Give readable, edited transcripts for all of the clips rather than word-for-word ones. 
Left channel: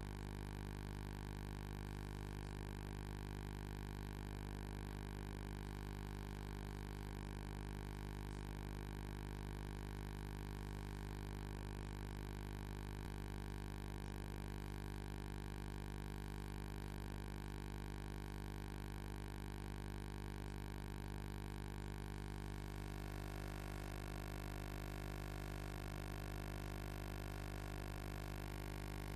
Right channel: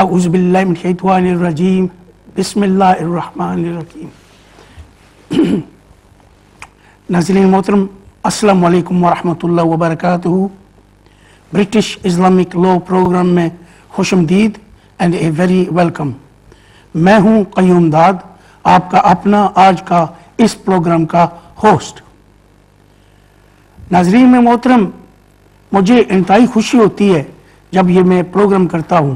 اعوذ باللہ من الشیطان الرجیم بسم اللہ الرحمن الرحیم. ناظرین محترم السلام علیکم ورحمۃ اللہ وبرکاتہ. برٹش اسلامک لا پروگرام میں خوش آمدید اینڈ اے ویری ویلکم. میں ہوں قیوم داد، آپ کا اپنا آج کا اس پروگرام کا ہوسٹ. ناظرین میں محترم، مجھے انتہائی خوشی ہوتی ہے جب یہ میں پروگرام کرتا ہوں،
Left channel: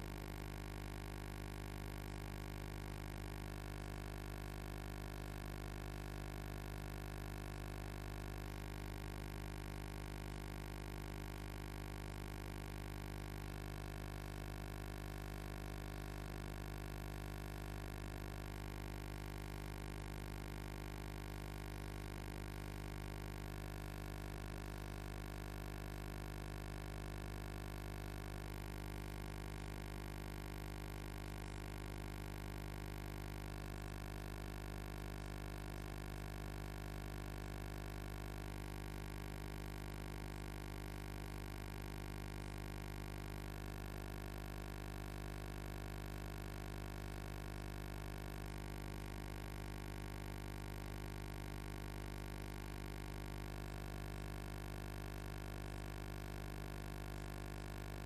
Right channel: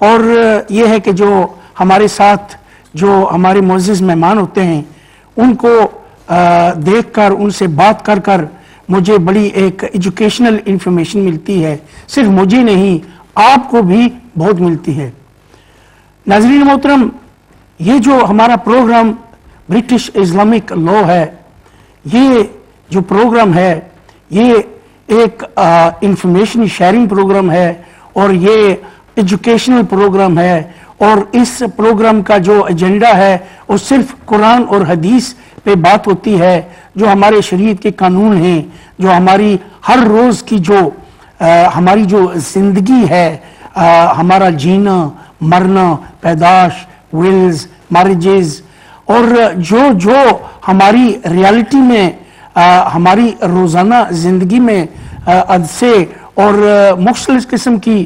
اور یہ ہے کہ جو ہمارے ساتھ جو ہمارے معزز مہمان ہوتے ہیں ان کو دیکھ کر، ان سے بات کر کر مجھے بڑی ایک ایجوکیشنل انفارمیشن ملتی ہے. صرف مجھے نہیں، آپ کو بھی بہت ملتی ہے. ناظرین محترم، یہ جو ہمارا پروگرام برٹش اسلامک لا ہے، یہ جو پروگرام ہے یہ ایک انفارمیشن شیئرنگ پروگرام ہے، اور یہ ایجوکیشنل پروگرام ہے. اور اس پروگرام کا جو ایجنڈا ہے وہ صرف قرآن اور حدیث پہ بات ہوتی ہے، جو ہمارے شریعت کے قانون ہیں، جو ہماری ہر روز کی جو ہماری جو زندگی ہے، ہمارا جینا مرنا، پیدائش، ولز، میرجز، اور جو ہماری ریالٹی میں ہماری روزانہ زندگی میں حادثے اور مختلف قسم کی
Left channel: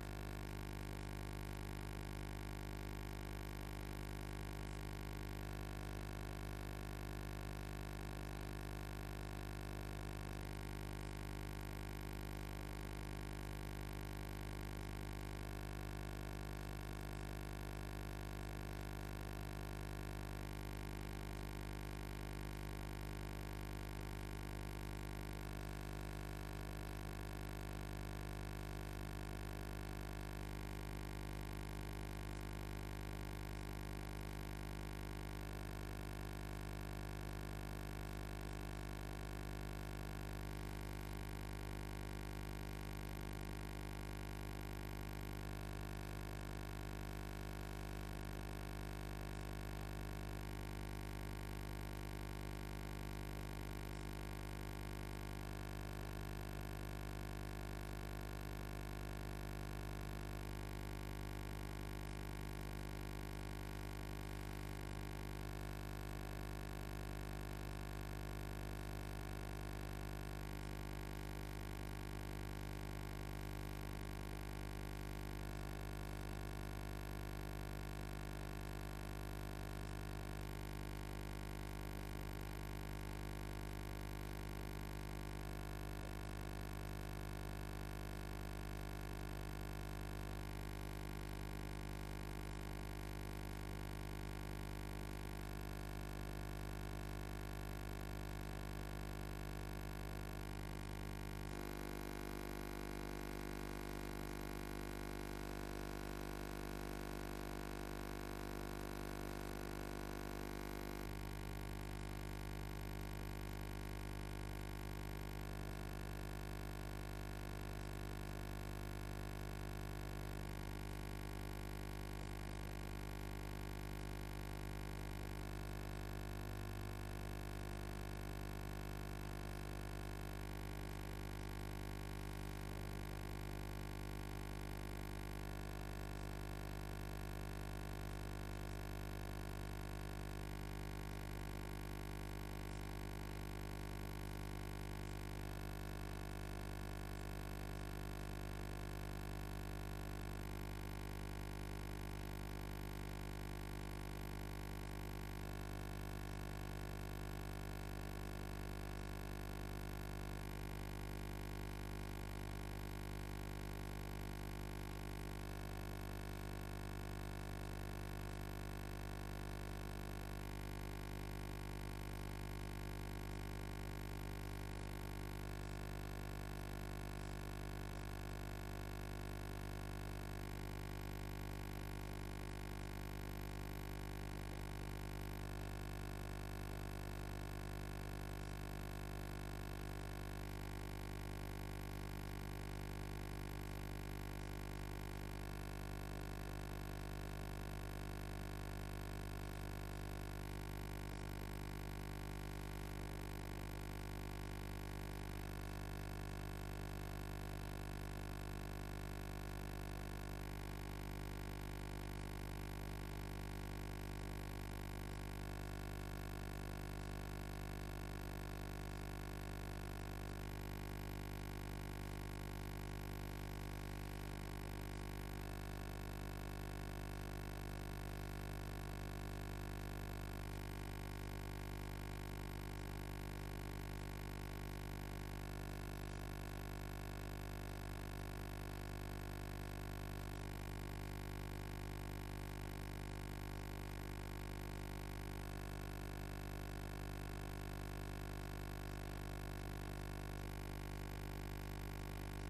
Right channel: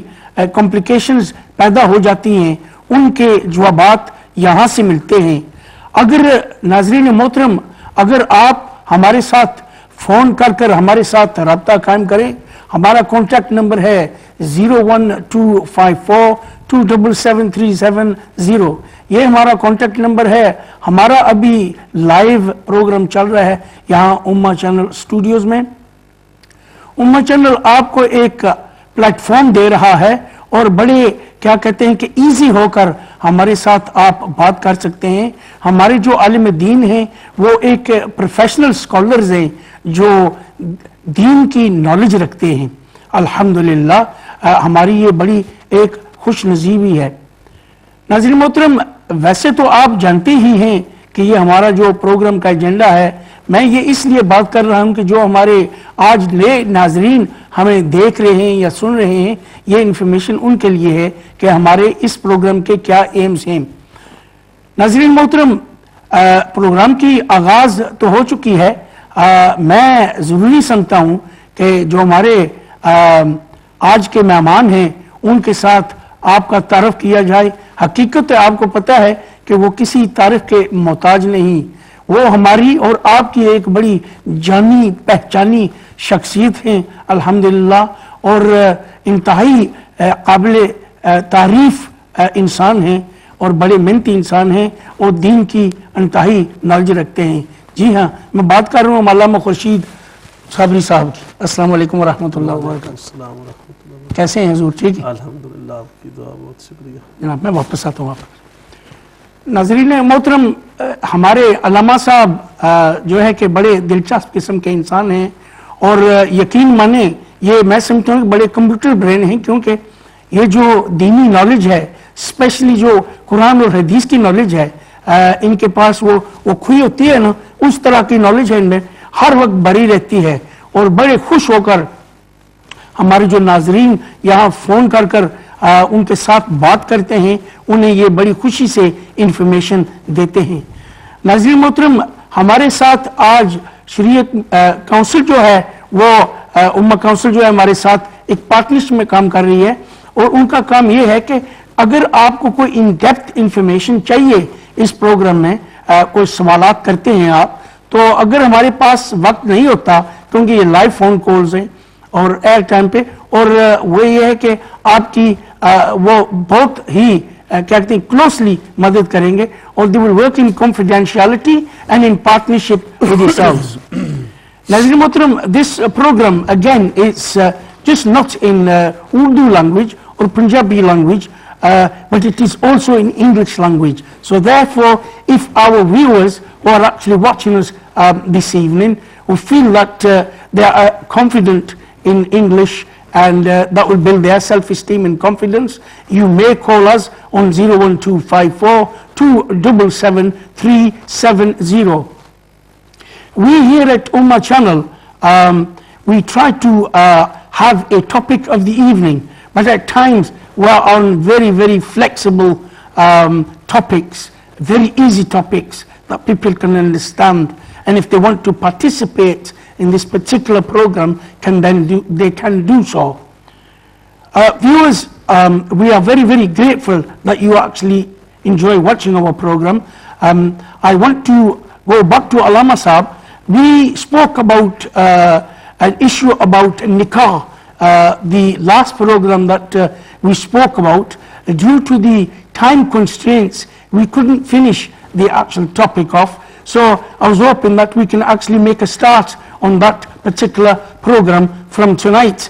کمپلیکیشنز پیدا ہو جاتی ہیں، ان کے جوابات یہاں سے ملتے ہیں. اگر ناظرین محترم، اگر آپ ہمارے ساتھ فون کر کر ہمارے ساتھ رابطہ قائم کریں، ہمارا کانٹیکٹ نمبر ہے 01254277370. یہ ہمارا کانٹیکٹ نمبر ہے. ہمارا ابھی لائیو پروگرام چل رہا ہے یہاں امہ چینل اسٹوڈیوز میں. امہ چینل آپ کو ایک پلیٹ فارم دے رہا ہے، اور بڑے کیا کہتے ہیں کہ ایزی ہو کر ہمارے ساتھ آپ بات کر سکتے ہیں. ہمارے جو عالم دین ہیں وہ ایک پروفیشنل سکولرز ہیں جو دین کی نالج رکھتے ہیں. الحمدللہ ہماری یہ بڑی ایک خوش نصیبی ہے. ناظرین محترم، ویسے تو آپ جانتے ہی ہیں کہ یہ ہمارا جو پروگرام کا ایجنڈا ہے. میں یہ اس لیے بات کر رہا ہوں کہ جو ہمارے آج نئے ناظرین ہمیں دیکھ رہے ہیں یا سن رہے ہیں، یہ انفارمیشن ان کے لیے ہے کہ ہمارے اس پروگرام کے کیا ایمز ہیں. ناظرین محترم، پروگرام کی آغاز تو ہو چکی ہے. میں ضروری سمجھتا ہوں کہ جو ہمارے آج کے مہمان ہیں ان کے ساتھ آپ کا تعارف کیا جائے. حقیقت آپ کو پتہ ہے کہ وہ کسی تعارف کے محتاج نہیں. وہ ہماری اور آپ کی ایک بڑی جانی پہچانی شخصیت ہیں الحمدللہ، اور انتہائی قابل تعریف انسان ہیں، اور بڑے محنتی انسان ہیں، اور دین کی انتہائی نالج رکھتے ہیں. جی ہاں، میں بات کر رہا ہوں علامہ خورشید صابری صاحب کی. السلام علیکم ورحمۃ اللہ وبرکاتہ. کیسے ہیں حضور؟ ٹھیک ہے الحمدللہ، آپ کی دعا، بہت شکریہ جناب. میں واپس آتا ہوں آپ. ناظرین محترم، ہمارے علامہ صاحب جو ہے کہ بڑے دلچسپ قسم کے انسان ہیں، اور یقین مانیں یہ میں سمجھتا ہوں کہ بڑے کمپیوٹر برین ہیں، کیونکہ یہ جو دینی نالج ہے، اسپیشلی جو قرآن اور حدیث کی نالج ہے، ان کے پاس وہ کھوئی ہوتی ہے نا، اس طرح کی نالج ہے ان میں ہر وقت بھری رہتی ہے. اور بڑے خوش ہو کر ہمارے جو ناظرین یہاں فون کر کر ان کے ساتھ بات کرتے ہیں، انہیں یہ بڑی خوشی سے انفارمیشن دیتے ہیں. ناظرین محترم، ہمارے ساتھ آج شریعت کونسل جو ہے، وہ امہ کونسل جو ہے ہمارے ساتھ ایک پارٹنرشپ میں کام کر رہی ہے، اور ان کا کام یہ ہے کہ اگر آپ کو کوئی ان ڈیپتھ انفارمیشن چاہیے اس پروگرام میں، کوئی سوالات کرتے ہیں آپ، تو اگر ہمارے پاس وقت نہیں ہوتا، کیونکہ یہ لائیو فون کالز ہیں اور ایئر ٹائم پہ، اور وہ یہ ہے کہ آپ کی وہ بہت ہی کہتے ہیں کلوزلی مدد کریں گے، اور they will work in confidentiality and in partnership with yourselves. ناظرین محترم، this program again is just not in Urdu language or Punjabi language, but it is also in English language. So therefore, if our viewers who are actually watching us this evening who feel that they are confident in English, and that will build their self-esteem and confidence, you may call us on 01254277370. We here at Ummah Channel, we try to have a topic of the evening, but at times we are on very flexible topics, very easy topics that people can understand, and if they want to participate in this particular program, they can do so. Viewers, we are very grateful that you actually enjoy watching our program. I want to go back to Allama Sahab. We spoke about an issue about nikah, the last program that we spoke about. Due to the time constraints, we couldn't finish the actual topic off. So I was hoping that we can actually make a start on that particular program from tonight.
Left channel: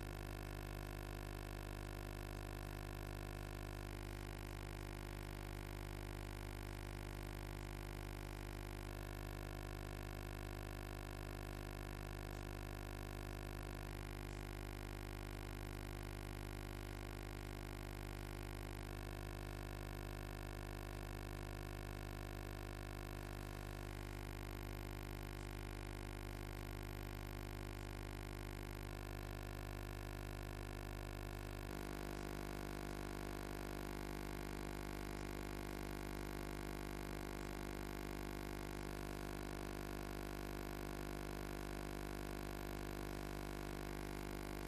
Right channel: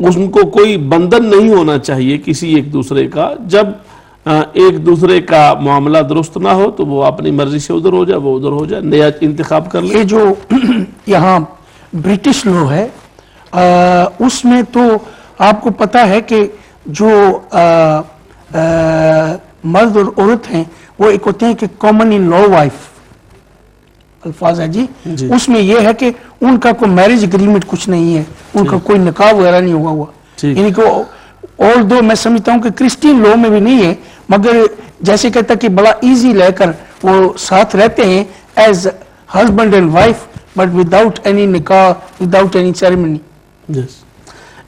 ان کو کوئی بندھن نہیں ہونا چاہیے کسی ایک دوسرے کا. جب ایک دوسرے کا معاملہ درست نہ ہو تو وہ اپنی مرضی سے ادھر ہو جائے، وہ ادھر ہو جائے، نیا انتخاب کر لے. یہ جو یہاں برٹش لا ہے اس میں تو آپ کو پتا ہے کہ جو مرد اور عورت ہیں وہ ایک ہوتے ہیں کہ کامن ان لا وائف الفاظ ہے جی. اس میں یہ ہے کہ ان کا کوئی میرج اگریمنٹ کچھ نہیں ہے، ان کا کوئی نکاح وغیرہ نہیں ہوگا ہوا. یعنی کہ اور دو میں سمجھتا ہوں کہ کرسچین لا میں بھی نہیں ہے، مگر جیسے کہتا کہ بڑا ایزی لے کر وہ ساتھ رہتے ہیں as husband and wife but without any نکاح، وداؤٹ اینی سیریمنی.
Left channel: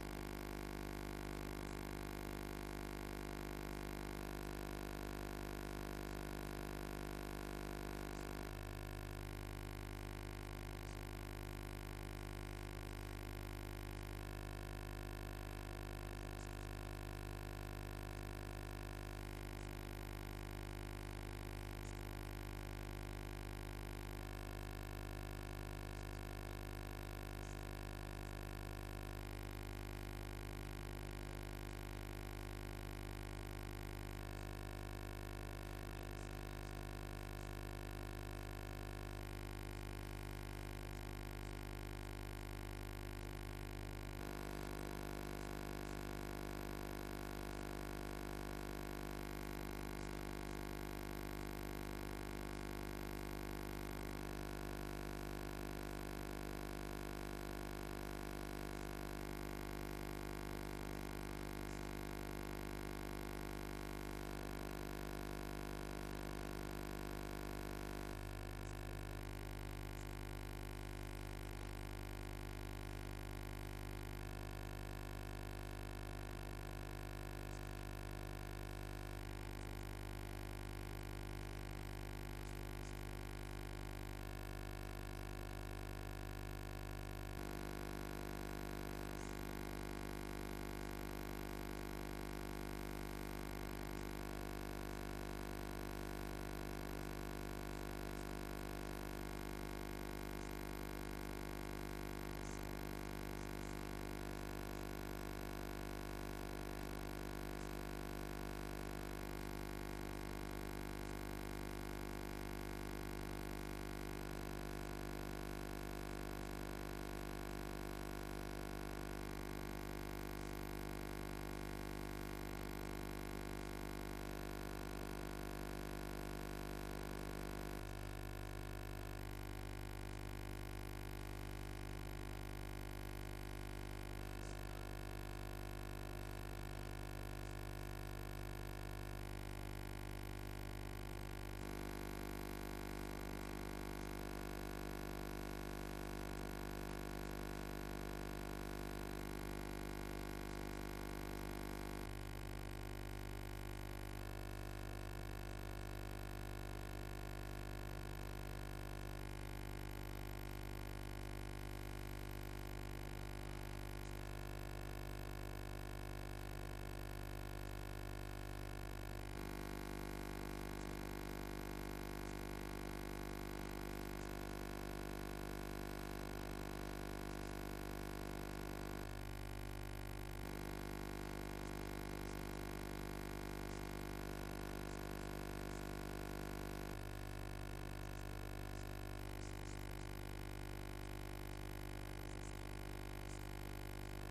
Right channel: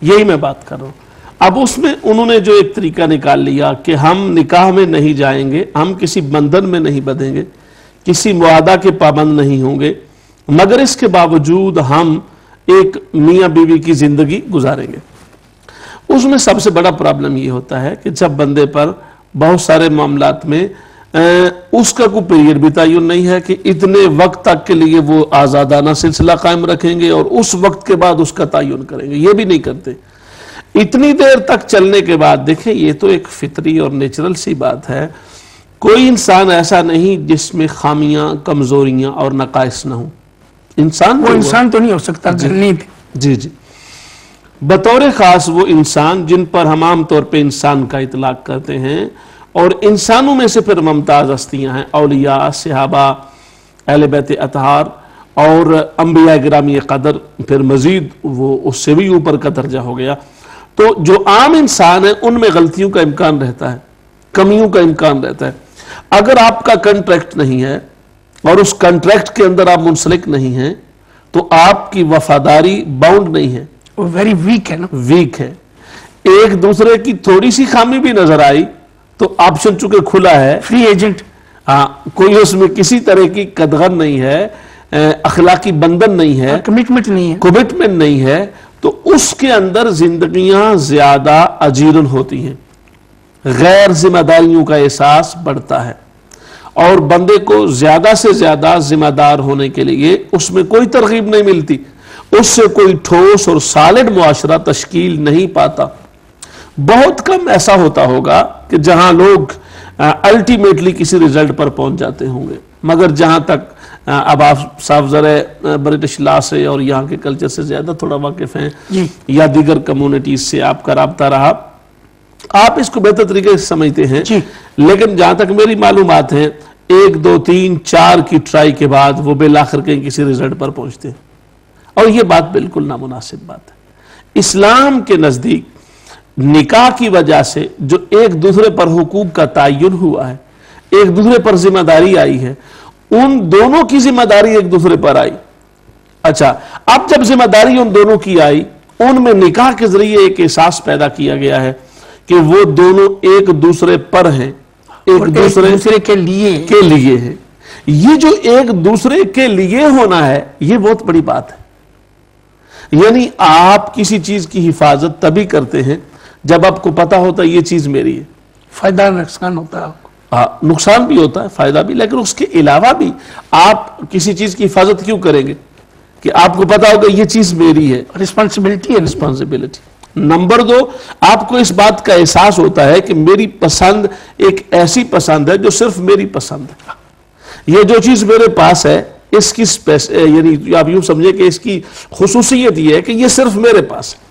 یہی میں بات کر رہا ہوں. اب اس میں انہوں نے جو ایک طریقہ نکال لیا کہ ہم نکاح میں نہیں جائیں گے، ہم کسی بندھن میں نہیں بندھیں گے، کسی معاہدہ کے پابند نہیں ہوں گے، مگر اس کے باوجود ہم ایک میاں بیوی کی زندگی گزاریں گے. اس میں سب سے بڑا پرابلم یہ ہوتا ہے کہ جب بندے پر بہت سارے معاملات میں اس کا کوئی پیریڈ بھی تعین نہیں ہے کہ اتنے وقت تک کے لیے وہ آزادانہ سلسلہ قائم رکھیں گے اور اس وقت کے بعد اس کا تعین کریں گے، یہ بھی نہیں کرتے. اتنی دیر تک چلنے کے بعد دیکھیں یہ تو ایک فطری اور نیچرل سی بات ہے. کوئی انسان ایسا نہیں جس میں خامیاں، کمزوریاں اور نقائص نہ ہوں. انسان وہ انسان تو نہیں ہو سکتا جنید. جی جی بطور خاص وہ انسان جن پر ہم عام طور پہ انسان کا اطلاق کرتے ہیں، اور انسانوں میں سے پھر ممتاز ہستیاں ہیں اولیاء، صحابہ، اہل بیت اطہار اور انبیاء گرامی قدر، پھر مزید وہ اس سے بھی اوپر کا درجہ ہو گیا. تو جو عام انسان ہیں ان میں غلطیوں کا امکان رہتا ہے، کمیوں کا امکان رہتا ہے. اگر آپ کا کنٹریکٹ نہیں ہے اور اس کنٹریکٹ کے اندر آپ منسلک نہیں ہیں تو آپ کی وفاداری باؤنڈ نہیں ہے، وہ ویری ویک ہے نا. ویک ہے. ایک دوسرے کی تھوڑی سی خامی بھی نظر آئی تو آپشن چونکہ کھلا ہے، فری ایجنٹ، کوئی اس میں کسی طرح کی قدغن نہیں ہے، اخلاقی بندھن نہیں ہے، کمٹمنٹ نہیں ہے، کمٹمنٹ نہیں ہے، تو اس کے اندر زندگیاں زیادہ اجیرن ہوتی ہیں، غیر ذمہ داریوں کا احساس بڑھتا ہے، اور بندے کو زیادہ سے زیادہ ذمہ دار ہونے کے لیے اس میں کوئی ترغیب نہیں ملتی، اس سے کوئی ٹھوس اور سالڈ معاشرہ تشکیل نہیں پاتا. بہت کم ایسا ہوتا ہوگا کہ جہاں لوگ الٹیمیٹلی کسی ریزلٹ پر پہنچ جاتے ہوں گے، مگر جہاں تک اب آپ صاحب ذرا برٹش لا سے اور یہاں کے کلچر سے زیادہ تھوڑا واقف ہیں یا دیگر کمیونٹیز سے آپ کا رابطہ رہا، آپ اس کو بہتر طریقے سے سمجھتے ہیں. لیکن جہاں تک میری معلومات ہیں 1 2 3 4 کی ٹرائی کے بعد وہ بالآخر کہیں کسی ریزلٹ پر پہنچتے ہیں، اور یہ بات بالکل نامناسب بات ہے. اسلام کے نزدیک نکاح کی وجہ سے جو ایک دوسرے پر حقوق کا تعین ہوا ہے، ایک دوسرے پر ذمہ داری آئی ہے، ان دونوں کی ذمہ داری ایک دوسرے پر آئی. اچھا، اب جب ذمہ داری ان دونوں کی آئی، ان میں نکاح کے ذریعے ایک احساس پیدا کیا گیا ہے کہ وہ دونوں ایک دوسرے پر ہیں، ایک دوسرے کے لیے ہیں. یہ جو ایک دوسرے کے لیے ہونا ہے یہ بہت بڑی بات ہے. یعنی آپ کسی چیز کی حفاظت تبھی کرتے ہیں جب آپ کو پتا ہوتا ہے یہ چیز میری ہے. فائدہ نقصان ہوتا ہے آپ کو، نقصان بھی ہوتا ہے، فائدہ بھی، لیکن اس کے علاوہ بھی آپ کسی چیز کی حفاظت کیوں کریں گے کہ آپ کو پتا ہوگا یہ چیز میری ہے. رسپانسبلٹی ہے. رسپانسبلٹی. نمبر 2، آپ کو اس بات کا احساس ہوتا ہے کہ میری پسند ایک ایسی پسند ہے جو صرف میری پسند ہے. یہ جو چیز میرے پاس ہے اس کی یعنی آپ یوں سمجھیں کہ اس کی خصوصیت یہ ہے کہ یہ صرف میرے پاس ہے.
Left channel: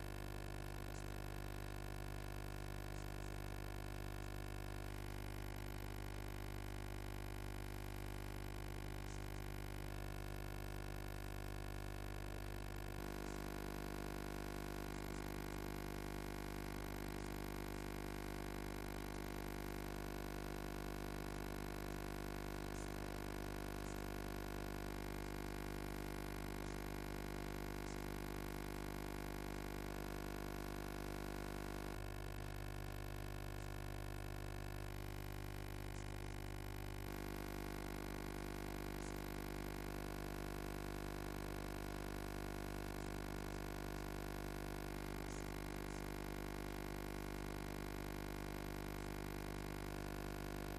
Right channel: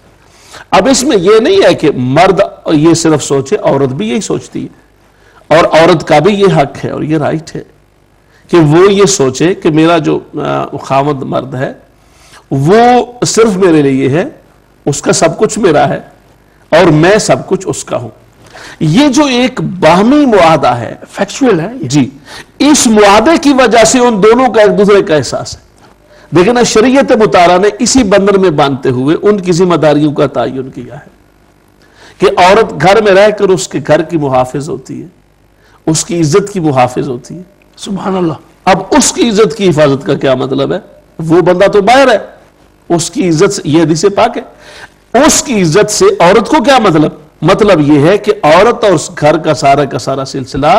اب اس میں یہ نہیں ہے کہ مرد یہ صرف سوچے، عورت بھی یہی سوچتی ہے، اور عورت کا بھی یہ حق ہے اور یہ رائٹ ہے کہ وہ یہ سوچے کہ میرا جو خاوند مرد ہے وہ صرف میرے لیے ہے، اس کا سب کچھ میرا ہے اور میں سب کچھ اس کا ہوں. یہ جو ایک باہمی معاہدہ ہے، فیکچوئل ہے جی، اس معاہدے کی وجہ سے ان دونوں کا ایک دوسرے کا احساس ہے. لیکن شریعت مطالعہ نے اسی بندھن میں باندھتے ہوئے ان کی ذمہ داریوں کا تعین کیا ہے کہ عورت گھر میں رہ کر اس کے گھر کی محافظ ہوتی ہے، اس کی عزت کی محافظ ہوتی ہے. سبحان اللہ. اب اس کی عزت کی حفاظت کا کیا مطلب ہے؟ وہ بندہ تو باہر ہے، اس کی عزت سے، یہ حدیث پاک ہے، اس کی عزت سے عورت کو کیا مطلب؟ مطلب یہ ہے کہ عورت اور اس گھر کا سارا سلسلہ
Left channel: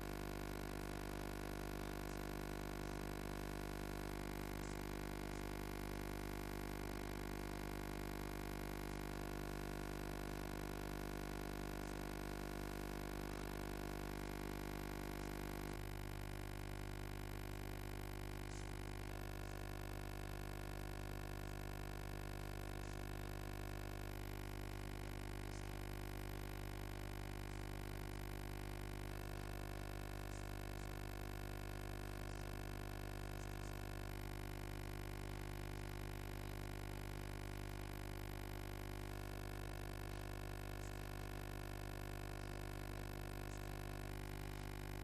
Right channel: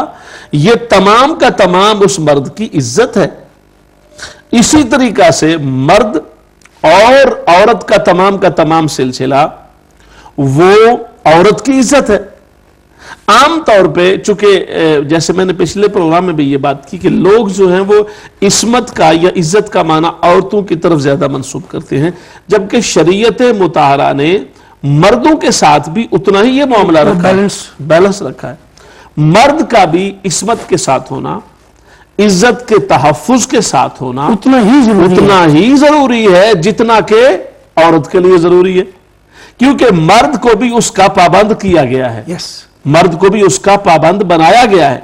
یہ تمام کا تمام اس مرد کی عزت ہے. اسی طریقہ سے مرد اور عورت کا تمام سلسلہ وہ عورت کی عزت ہے۔ عام طور پہ چونکہ جیسے میں نے پچھلے پروگرام میں بھی یہ بات کی کہ لوگ جو ہیں وہ عصمت کا یا عزت کا معنی عورتوں کی طرف زیادہ منسوب کرتے ہیں، جبکہ شریعت مطہرہ نے مردوں کے ساتھ بھی اتنا ہی یہ معاملہ رکھا ہے، بیلنس رکھا ہے۔ مرد کا بھی عصمت کے ساتھ ہونا، عزت کے تحفظ کے ساتھ ہونا اتنا ہی ضروری ہے جتنا کہ عورت کے لیے ضروری ہے، کیونکہ مرد کو بھی اس کا پابند کیا گیا ہے، یس، مرد کو بھی اس کا پابند بنایا گیا ہے،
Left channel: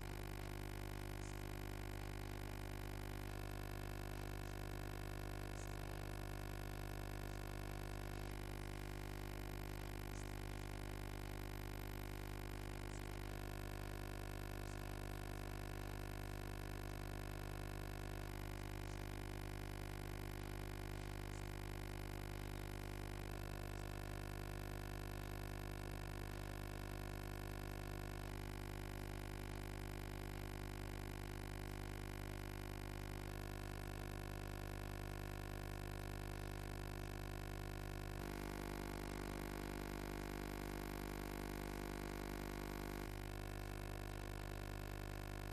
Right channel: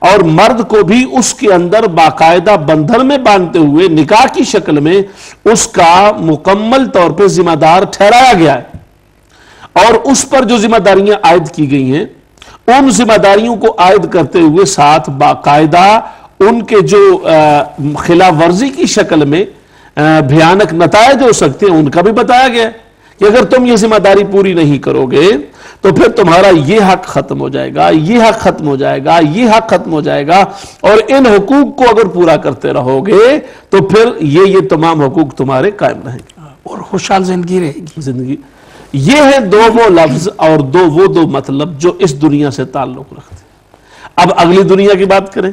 اور مرد کو بھی اس کے اندر باقاعدہ بندھن میں باندھتے ہوئے نکاح کی شکل میں اس کا مکمل طور پہ ذمہ دار ٹھہرایا گیا ہے، اور اس پر جو ذمہ داریاں عائد کی گئی ہیں ان ذمہ داریوں کو عائد کرتے ہوئے ساتھ باقاعدہ ان کے جو خلاف ورزی کی شکل میں بھیانک نتائج ہو سکتے ہیں ان کا بھی بتایا گیا ہے کہ اگر تم یہ ذمہ داری پوری نہیں کرو گے تو پھر تمہارا یہ حق ختم ہو جائے گا، یہ حق ختم ہو جائے گا، یہ حق ختم ہو جائے گا، اور ان حقوق کو اگر پورا کرتے رہو گے تو پھر یہ تمام حقوق تمہارے قائم رہیں گے اور خوشحال زندگی رہے گی۔ زندگی۔ یہ ہیں دو وہ لفظ اور دو مطلب جو اس دنیا سے تعلق رکھتے ہیں۔ اب اگلی دنیا کی بات کریں،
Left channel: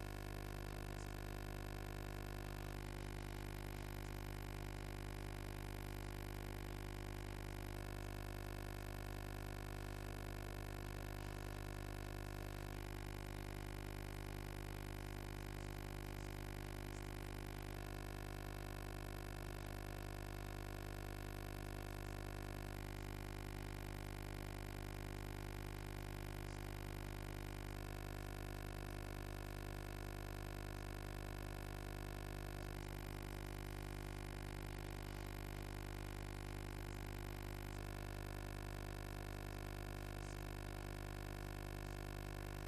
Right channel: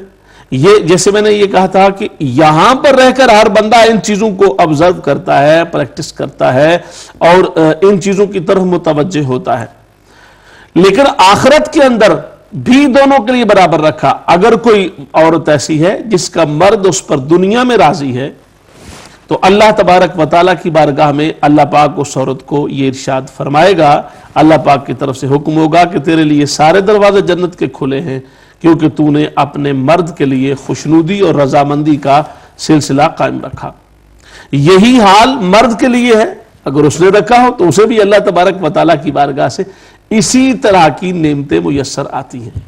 یہ جیسے میں نے یہ کہا تھا کہ یہاں پر رہ کر ہر بندہ ان چیزوں کو آبزرو کرتا ہے، پریکٹس کرتا ہے اور ان چیزوں کی طرف متوجہ ہوتا ہے، لیکن آخرت کے اندر بھی دونوں کے لیے برابر رکھا۔ اگر کوئی عورت ایسی ہے جس کا مرد اس پر دنیا میں راضی ہے تو اللہ تبارک و تعالیٰ کی بارگاہ میں اللہ پاک اس عورت کو یہ ارشاد فرمائے گا، اللہ پاک کی طرف سے حکم ہوگا کہ تیرے لیے سارے دروازے جنت کے کھلے ہیں، کیونکہ تو نے اپنے مرد کے لیے خوشنودی اور رضامندی کا سلسلہ قائم رکھا۔ یہی حال مرد کے لیے ہے، اگر اس نے رکھا ہو تو اسے بھی اللہ تبارک و تعالیٰ کی بارگاہ سے اسی طرح کی نعمتیں میسر آتی ہیں۔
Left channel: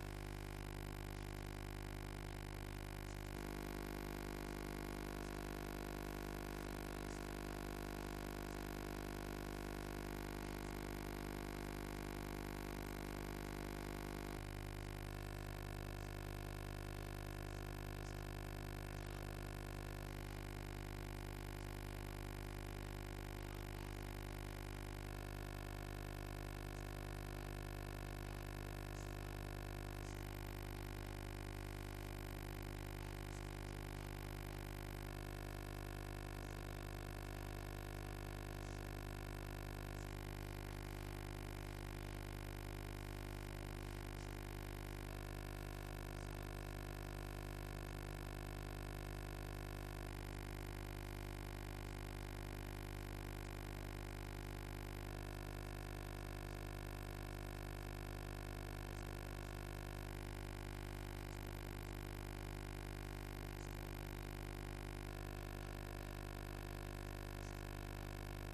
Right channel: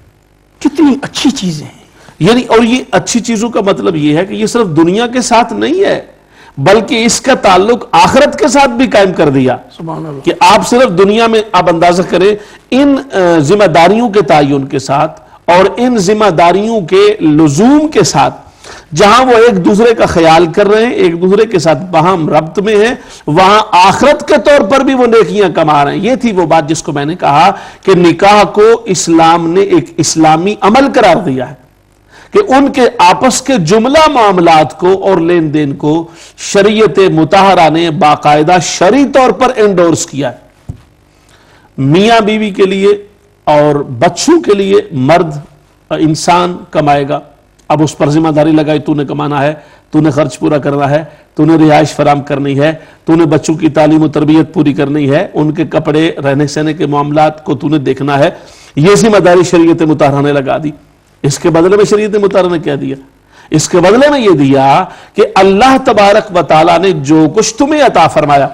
کتنی اچھی چیزیں ہیں، یعنی اور یہ اچھی چیزوں کا مطلب یہ ہے کہ یہ صرف دنیا کے ساتھ نہیں ہے بلکہ اس کا تعلق آخرت کے ساتھ بھی قائم کر دیا سبحان اللہ۔ کہ آپ صرف دنیا میں آپ اندازہ کریں ان ذمہ داریوں کے تعین کے ساتھ اور ان ذمہ داریوں کے لزوم کے ساتھ جہاں وہ ایک دوسرے کا خیال کر رہے ہیں، ایک دوسرے کے ساتھ باہم ربط میں ہیں، وہاں آخرت کے طور پر بھی وہ نیکیاں کما رہے ہیں۔ یہ تھی وہ بات جس کو میں نے کہا کہ نکاح کو اسلام نے ایک اسلامی عمل قرار دیا ہے کہ ان کے آپس کے جملہ معاملات کو اور لین دین کو شریعت مطہرہ نے باقاعدہ شرعی طور پر انڈورس کیا ہے۔ میاں بیوی کے لیے اور بچوں کے لیے مرد انسان کمائے گا، اب اس پر ذمہ داری لگائی تو نے کمانا ہے، تو نے خرچ پورا کرنا ہے، تو نے رہائش فراہم کرنی ہے، تو نے بچوں کی تعلیم و تربیت پوری کرنی ہے، ان کے کپڑے رہنے سہنے کے معاملات کو تو نے دیکھنا ہے، یہ ذمہ داری شریعت مطہرہ نے لگا دی۔ اس کے بدلے میں شریعت مطہرہ نے کیا دیا؟ اس کے بدلے میں یہ دیا کہ اللہ تبارک و تعالیٰ نے جو کچھ تمہیں عطا فرمایا،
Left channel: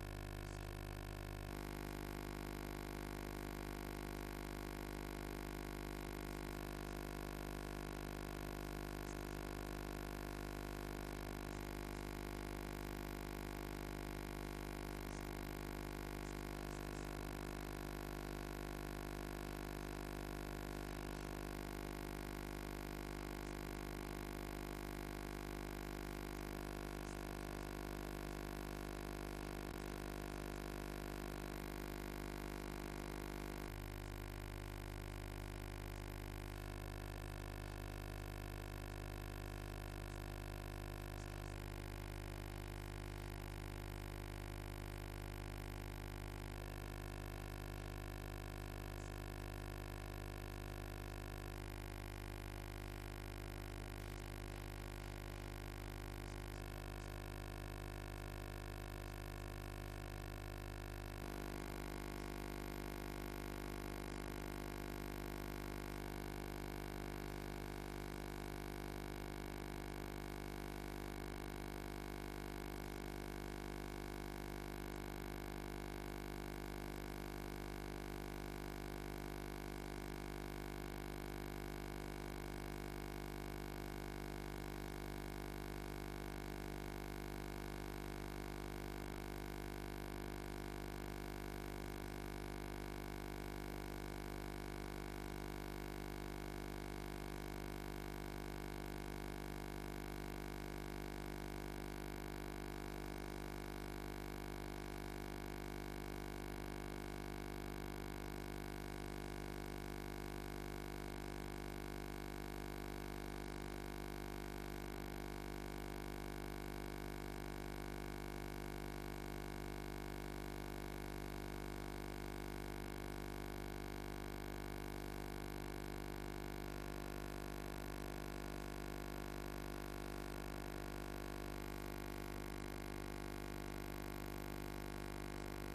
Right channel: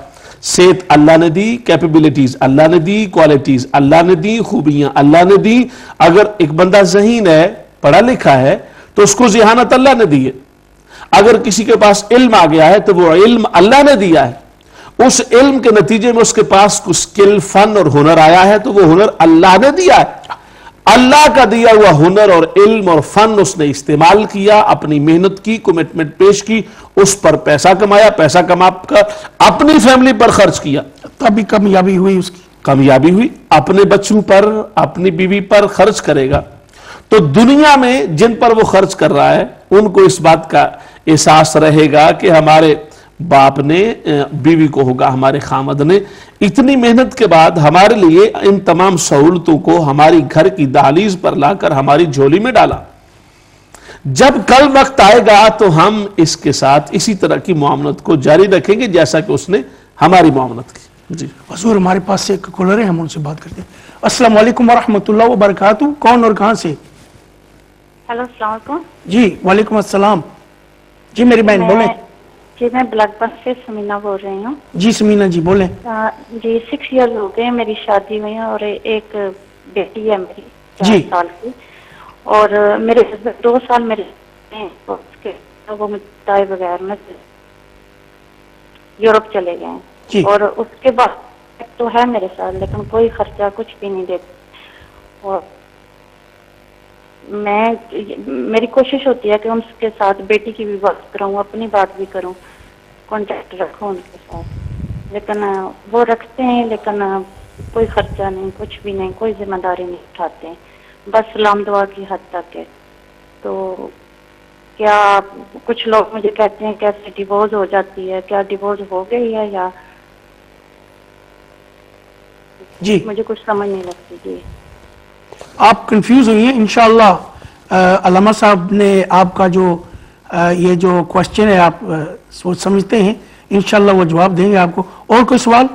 صحت اللہ نے دی، کیپیبلٹیز اللہ نے دی، کوالٹیز اللہ نے دی، خوبیاں اللہ نے دی۔ اگر ایک بندہ ذہین ہے، پڑھا لکھا ہے تو اس کو ذہانت اللہ نے دی ہے۔ اگر کسی کے پاس علم آ گیا ہے تو وہ علم اللہ نے دیا ہے، اس علم کے نتیجے میں اس کے پاس کچھ سکل، فن اور ہنر آیا ہے تو وہ ہنر اللہ نے دیا ہے۔ اللہ کا دیا ہوا ہنر اور علم اور فن اس نے استعمال کیا، اپنی محنت کی، کمٹمنٹ پیش کی، اس پر پیسہ کمایا، پیسہ کما کر اپنی فیملی پر خرچ کیا، تبھی کامیابی ہوئی اس کی۔ کامیابی ہوئی، اپنے بچوں پر، اپنی بیوی پر خرچ کرے گا تو دنیا میں جن پر وہ خرچ کر رہا ہے ان کو اس بات کا احساس رہے گا کہ ہمارے باپ نے، بیوی کو ہوگا ہمارے خامد نے اتنی محنت کے بعد ہمارے لیے ان تمام سہولتوں کو ہماری گھر کی دہلیز پر لا کر ہماری جھولی میں ڈالا۔ جب کل وقت آئے گا تو ہم اس کے ساتھ اسی طرح کی معاملت کو جاری رکھیں گے جیسا کہ اس نے ہماری معاملت کی۔ جی حضور ہمارے پاس سے ایک کالر ہے، ہم ان سے بات کرتے ہیں۔ السلام علیکم ورحمۃ اللہ وبرکاتہ، کون اور کہاں سے؟ ہیلو، السلام علیکم۔ جی وعلیکم السلام، جی میری بہن بولیں۔ جی میں بلیک بس سے سمینا بول رہی ہوں۔ جی سمینا جی بولیں۔ جی 6 ایئرز ہو گئے میری شادی ہوئی ہے اور ایک بیٹی ہے میری 4 جی۔ سال کی، اور میرے 2 سال میرے وہ متائی بغیر میں یورپ چلے گئے جی۔ ہیں، اور اس کے بعد تو ہے میرے ساتھ لیکن کوئی خرچہ کچھ بھی نہیں دیتے، اور میری کوشش ہوتی ہے کہ ان کے ساتھ بیٹی کی بھی بات کروں، اپنی بات بھی کروں، کانٹیکٹ رکھوں ان کے ساتھ، لیکن وہ رکھتے ہیں لیکن کوئی خرچہ نہیں، کچھ بھی نہیں، کوئی ذمہ داری نہیں اٹھاتے ہیں، بس سلام دعا کی حد تک ہے. تو کیا کچھ لوگ مجھے کہتے ہیں کیسے ڈیورس ہو جاتی ہے، کیا ڈیورس ہو گئی ہے یا جی مجھے کچھ سمجھ نہیں لگتی. جی آپ کنفیوز ہوئی ہیں. انشاءاللہ علامہ صاحب نے آپ کا جو یہ جو کوشچن ہے آپ سوچ سمجھتے ہیں، انشاءاللہ وہ جواب دیں گے آپ کو. اور کوئی سوال؟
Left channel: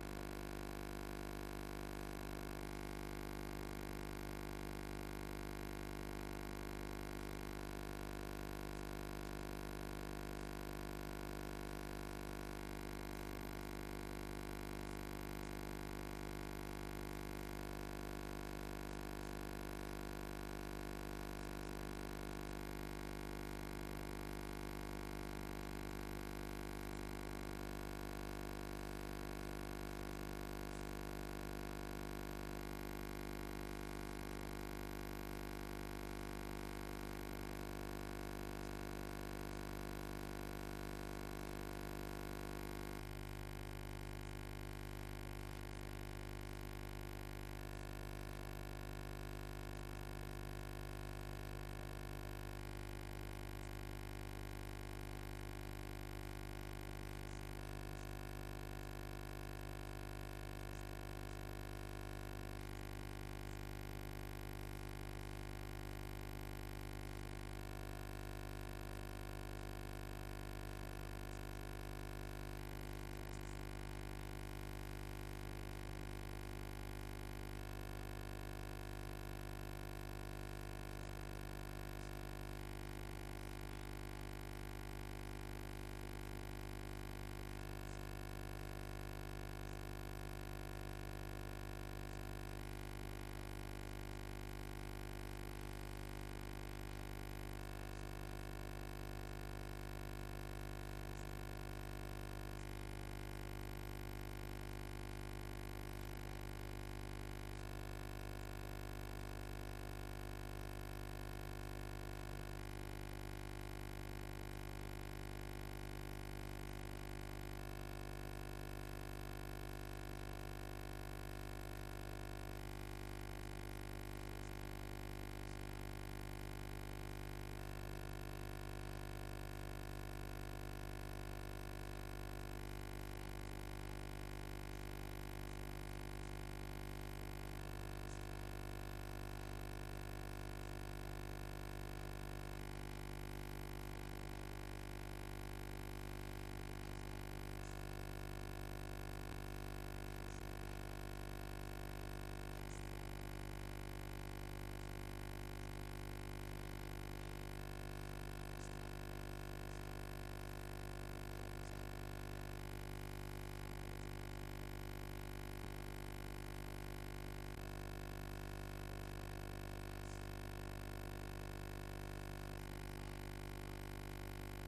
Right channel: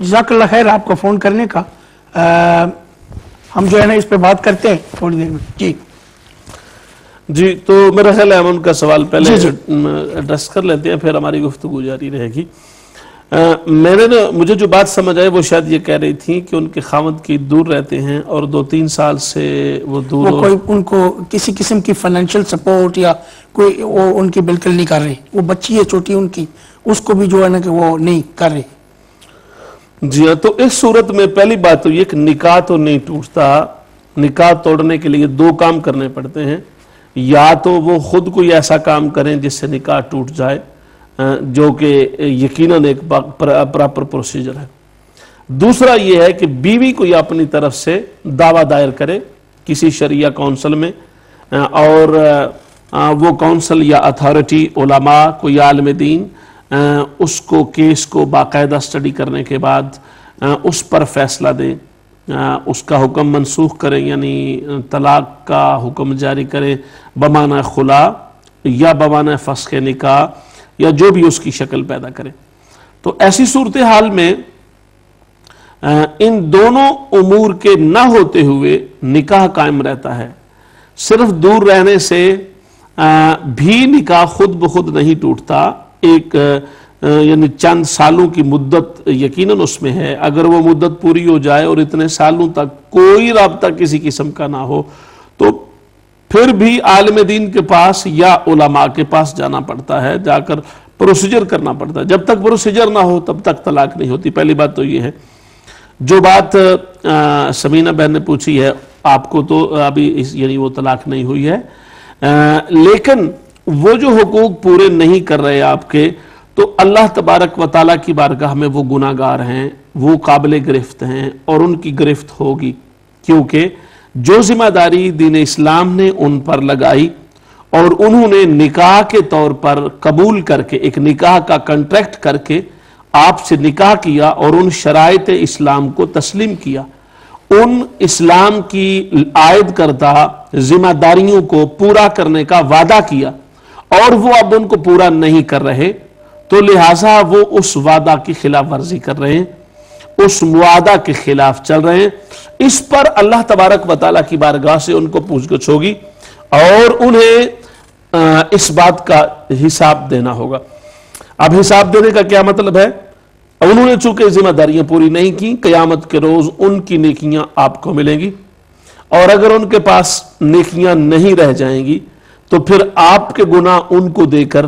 جزاک اللہ خیر آپ کو فون کرنے کا. ہم جو ہے نا اس پہ بات کرتے ہیں تھوڑی دیر میں. جی جی تو میرا خیال ہے ہم ان کا سوال پہلے جی ایڈریس کر لیتے ہیں، پھر ہماری گفتگو جاری رہے گی. مجھے جو بات سمجھ آئے وہ شاید یہ کہہ رہی تھی کہ ان کے خاوند کی دور رہتے ہیں اور 2-3 سال سے وہ دور وہ کوئی ان کو کسی قسم کی فائنینشیل سپورٹ یا کوئی وہ ان کی بالکل نہیں کر رہے. وہ بچی ہے چھوٹی ان کی، اس کو بھی جو ہے نا کہ وہ نہیں کر رہے. جی ہاں، تو اس صورت میں پہلی بات تو یہ کہ نکاح تو نہیں ٹوٹتا. نکاح توڑنے کے لیے 2 کام کرنے پڑتے ہیں. یا تو وہ خود کوئی ایسا کام کریں جس سے نکاح ٹوٹ جائے، جو کہ یقیناً ایک پراپر پروسیجر ہے. دوسرا یہ ہے کہ بیوی کوئی اپنی طرف سے دعویٰ دائر کرے کسی شرعیہ کونسل میں، اور وہ کونسل یا اتھارٹی، علماء، کوئی عالم دین اس کو کیس کو باقاعدہ سٹڈی کرنے کے بعد اس پر فیصلہ دیں، اس کا حکم منسوخ کریں، یعنی طلاق کا حکم جاری کریں بمعنی خلا یا بمعنی فسخ نکاح یا جو بھی اس کی شکل پیدا کرے. تو ایسی صورتحال میں ان دونوں امور کے نہ ہوتے ہوئے نکاح قائم رہتا ہے. صرف دور رہنے سے بھی نکاح خود بخود نہیں ٹوٹتا. ایک یعنی چند سالوں کی مدت یقیناً اس میں ہے. اگر وہ مدت پوری ہو جائے اور اتنے سالوں تک کوئی رابطہ کسی قسم کا نہ ہو تو پھر بھی عالم دین کے پاس یا علماء کے پاس جانا پڑتا ہے، جا کر پروسیجر کرنا پڑتا ہے. جب تک پروسیجر نہ ہو تب تک طلاق نہیں ہوتی. پہلی بات تو یہ ہے. جو بات سمینہ بہن نے پوچھی ہے، آپ کو تو ابھی یعنی وہ طلاق نہیں ہوئی ہے، لیکن وہ جو حقوق پورے نہیں کر رہے آپ کے، تو اللہ تبارک و تعالیٰ کی بارگاہ میں وہ گناہگار ہیں، وہ قابل گرفت ہیں اور ان کی گرفت ہوگی. کیونکہ جو ذمہ داری دین اسلام نے ان پر لگائی اور انہوں نے نکاح کے طور پر قبول کر کے، ایک نکاح کا کنٹریکٹ کر کے آپ سے نکاح کیا اور ان شرائط اسلام کو تسلیم کیا، ان اسلام کی عائد کردہ ذمہ داریوں کو پورا کرنے کا وعدہ کیا اور وہ اب ان کو پورا نہیں کر رہے، تو لہٰذا وہ اس وعدہ کی خلاف ورزی کر رہے ہیں، اس معاہدہ کے خلاف چل رہے ہیں. اس پر اللہ تبارک و تعالیٰ کی بارگاہ سے ان کو پوچھ گچھ ہوگی اور انہیں اس بات کا حساب دینا ہوگا. اب حساب دینے کا کیا مطلب ہے؟ انہوں نے چونکہ ذمہ داریاں پوری نہیں کی، قیامت کے روز ان کی نیکیاں آپ کو ملیں گی، اور اگر ان کے پاس نیکیاں نہیں رہ جائیں گی تو پھر آپ کے گناہ ان کو دے کر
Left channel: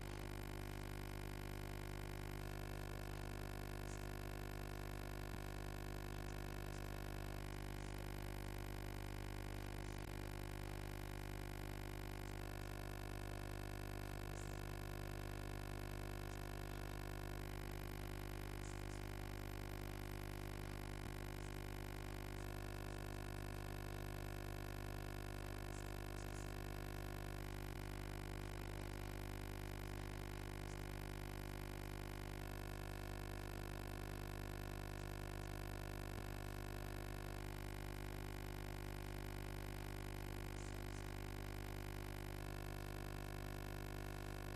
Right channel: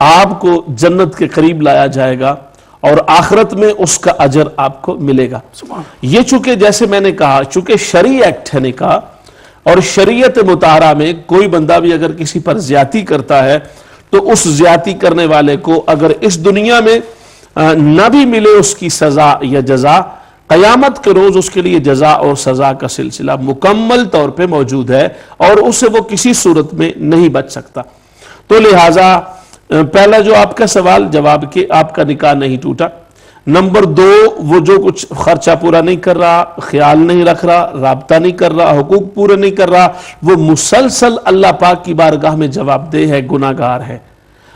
آپ کو جنت کے قریب لایا جائے گا اور آخرت میں اس کا اجر آپ کو ملے گا. یہ چونکہ جیسے میں نے کہا، چونکہ شرعی ایکٹ ہے نکاح، اور شریعت مطہرہ میں کوئی بندہ بھی اگر کسی پر زیادتی کرتا ہے تو اس زیادتی کرنے والے کو اگر اس دنیا میں نہ بھی ملے اس کی سزا یا جزا، قیامت کے روز اس کے لیے جزا اور سزا کا سلسلہ مکمل طور پہ موجود ہے اور اس سے وہ کسی صورت میں نہیں بچ سکتا. تو لہٰذا پہلا جو آپ کا سوال جواب کہ آپ کا نکاح نہیں ٹوٹا. نمبر 2، وہ جو کچھ خرچہ پورا نہیں کر رہا، خیال نہیں رکھ رہا، رابطہ نہیں کر رہا، حقوق پورے نہیں کر رہا، وہ مسلسل اللہ پاک کی بارگاہ میں جواب دہ ہے، گناہگار ہے،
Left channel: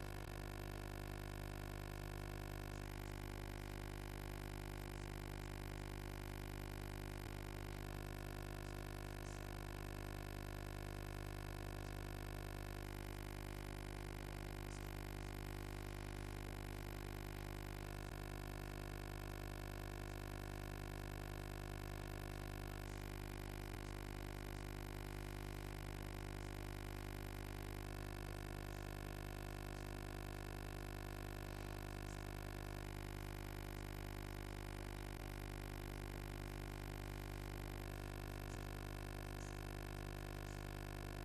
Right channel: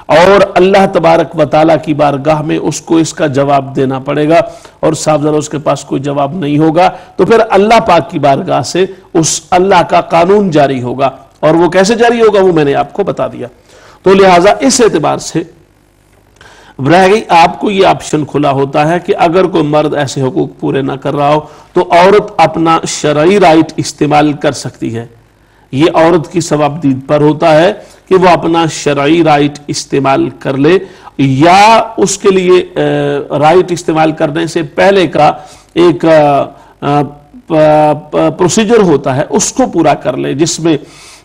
اور اللہ تبارک و تعالیٰ کی بارگاہ میں اس کو اس کا جواب دینا پڑے گا. اور صاحب ذرا اس کے پاس کوئی جواب نہیں ہوگا تو پھر اللہ پاک کی بارگاہ سے اس اللہ کا قانون جاری ہوگا، اور وہ کیسے جاری ہوگا وہ میں نے آپ کو بتا دیا. تو لہٰذا اس اعتبار سے رہ گئی آپ کو یہ آپشن کھلا ہوتا ہے کہ اگر کوئی مرد ایسے حقوق پورے نہ کر رہا ہو تو عورت اپنا شرعی رائٹ استعمال کر سکتی ہے. یہ عورت کی ثوابدید پر ہوتا ہے کہ وہ اپنا شرعی رائٹ استعمال کر لے، یا اس کے لیے رائٹ استعمال کرنے سے پہلے کا ایک پروسیجر ہوتا ہے، اس کو پورا کر لے، جس میں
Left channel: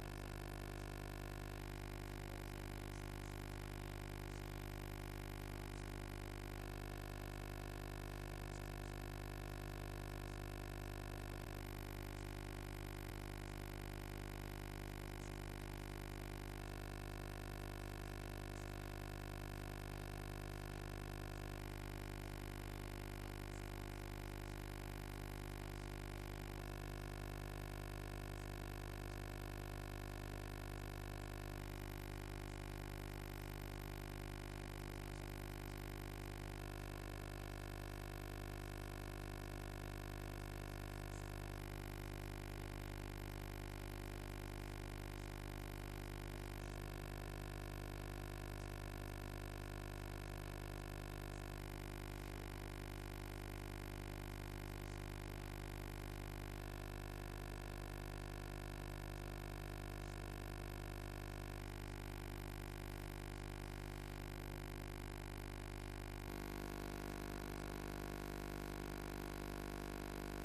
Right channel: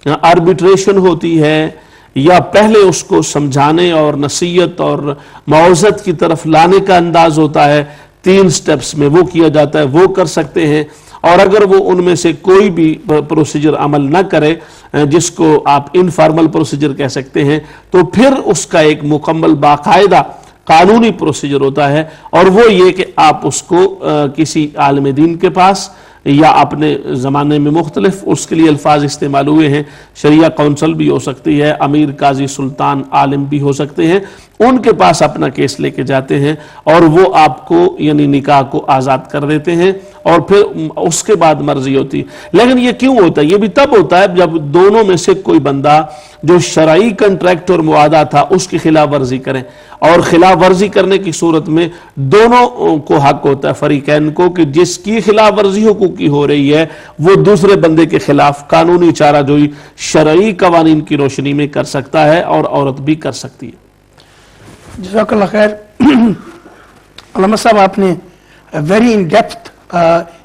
آربیٹریشن ہوتی ہے یا پہلے اس کو سمجھانے اور نصیحت اور موعظت کی طرف لانے کا انداز ہوتا ہے، 3 سٹیپس میں وہ کیا جاتا ہے، وہ کر سکتے ہیں۔ اور اگر وہ ان میں سے کوئی بھی پروسیجر عمل نہ کرے، جس کو آپ انفارمل پروسیجر کہہ سکتے ہیں، تو پھر اس کا ایک مکمل باقاعدہ قانونی پروسیجر ہوتا ہے، اور وہ یہ کہ آپ اس کو کسی عالم دین کے پاس یا اپنے زمانے میں مختلف اس کے لیے الفاظ استعمال ہوئے ہیں، شریعہ کونسل بھی ہو سکتی ہے، امیر قاضی سلطان عالم بھی ہو سکتے ہیں، ان کے پاس اپنا کیس لے کے جاتے ہیں اور وہ آپ کو یعنی نکاح کو آزاد کر دیتے ہیں، اور پھر اس کے بعد مرضی ہوتی ہے۔ لیکن یہ کیوں ہوتا ہے؟ یہ بھی تب ہوتا ہے جب دونوں میں سے کوئی بندہ جو شرعی کنٹریکٹ اور معاہدہ تھا اس کی خلاف ورزی کریں، اور خلاف ورزی کرنے کی صورت میں دونوں کو حق ہوتا ہے، فریقین کو، کہ جس کی خلاف ورزی حقوقی ہو رہی ہے وہ دوسرے بندے کے خلاف قانونی چارہ جوئی شرعی قوانین کی روشنی میں کر سکتا ہے، اور عورت بھی کر سکتی ہے۔ جزاک اللہ خیر۔ علامہ صاحب آپ نے very in depth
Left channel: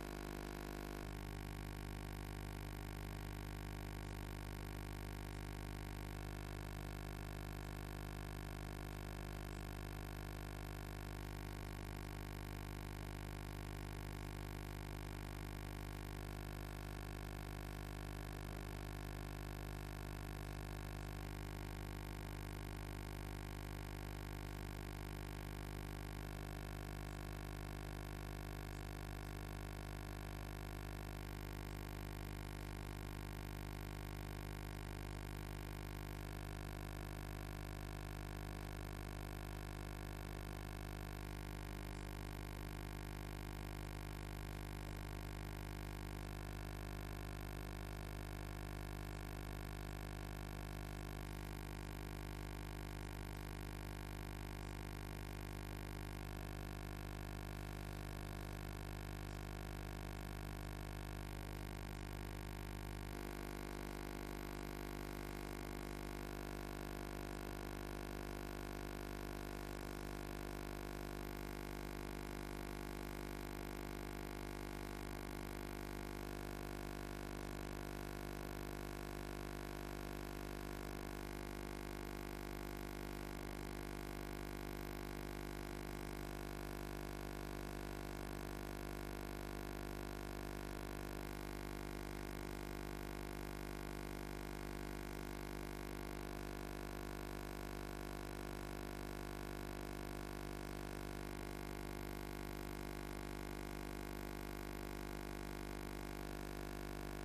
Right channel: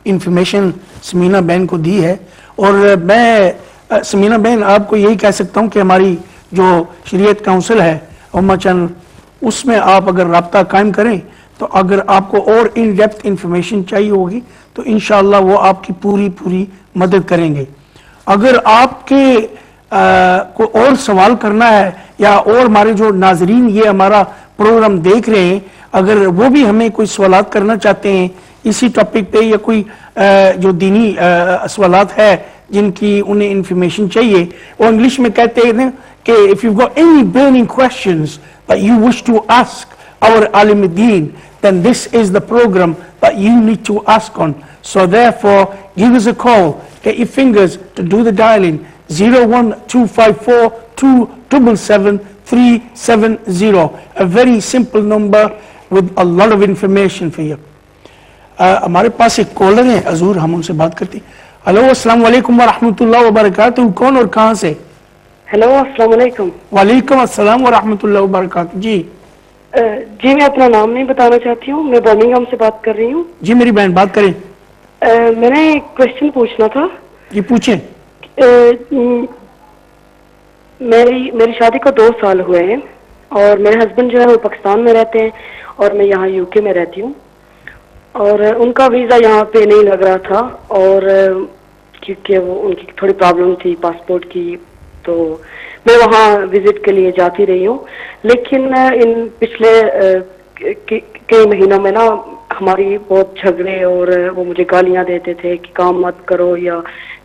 information Samina بہن کو دی ہے، اور میں سمینہ بہن آپ کو یہی کہہ سکتا ہوں کہ ہماری جو شریعت کونسل ہے امہ چینل، اس میں آپ اگر رابطہ قائم کریں تو اگر آپ کو اور ان ڈیپتھ انفارمیشن چاہیے ہوگی تو انشاءاللہ وہ آپ کی پوری مدد کریں گے۔ اگر آپ کے کو اور سوال کرنا ہے، یا اور ہمارے جو ناظرین یہ ہمارا پروگرام دیکھ رہے ہیں، اگر وہ بھی ہمیں کوئی سوالات کرنا چاہتے ہیں اسی ٹاپک پہ، یا کوئی جو دینی سوالات ہے جن کی انہیں انفارمیشن چاہیے، وہ انگلش میں کہتے ہیں کہ if you've got any burning questions that you wish to ask our alim deen, then this is the program that you need to ask on. So therefore, give us a call, get your fingers to do the dialing, 01254 277 370, a very simple number with a lot of information for you. ہمارے پاس ایک collar ہیں حضور، ہم ان سے بات کرتے ہیں۔ Hello, السلام علیکم ورحمۃ اللہ وبرکاتہ، کون اور کہاں سے؟ ہیلو، السلام علیکم۔ وعلیکم السلام ورحمۃ اللہ وبرکاتہ۔ جی جی، میں اپنا نام نہیں بتانا چاہتی ہوں، میں برمنگھم سے بات کر رہی ہوں۔ جی میری بہن بات کریں۔ میں نے ایک کوشچن پوچھنا تھا۔ جی پوچھیں۔ میری شادی کو 2 سال ہوئے ہیں، اور میرے ہسبینڈ جو ہے وہ پاکستان میں رہتے ہیں اور میں یہاں UK میں رہتی ہوں، اور ان کا ویزا یہاں پہ نہیں لگ رہا تھا، اور کیونکہ وہ ان کی تھوڑی پرابلم تھی پاسپورٹ کی، تو میں وہاں وزٹ کے لیے جاتی رہی ہوں۔ لیکن ان پچھلے کئی مہینوں میں نا ہماری بہت جھگڑے، اور وہ مجھے گالیاں دیتے تھے کہ کام مت کرو یا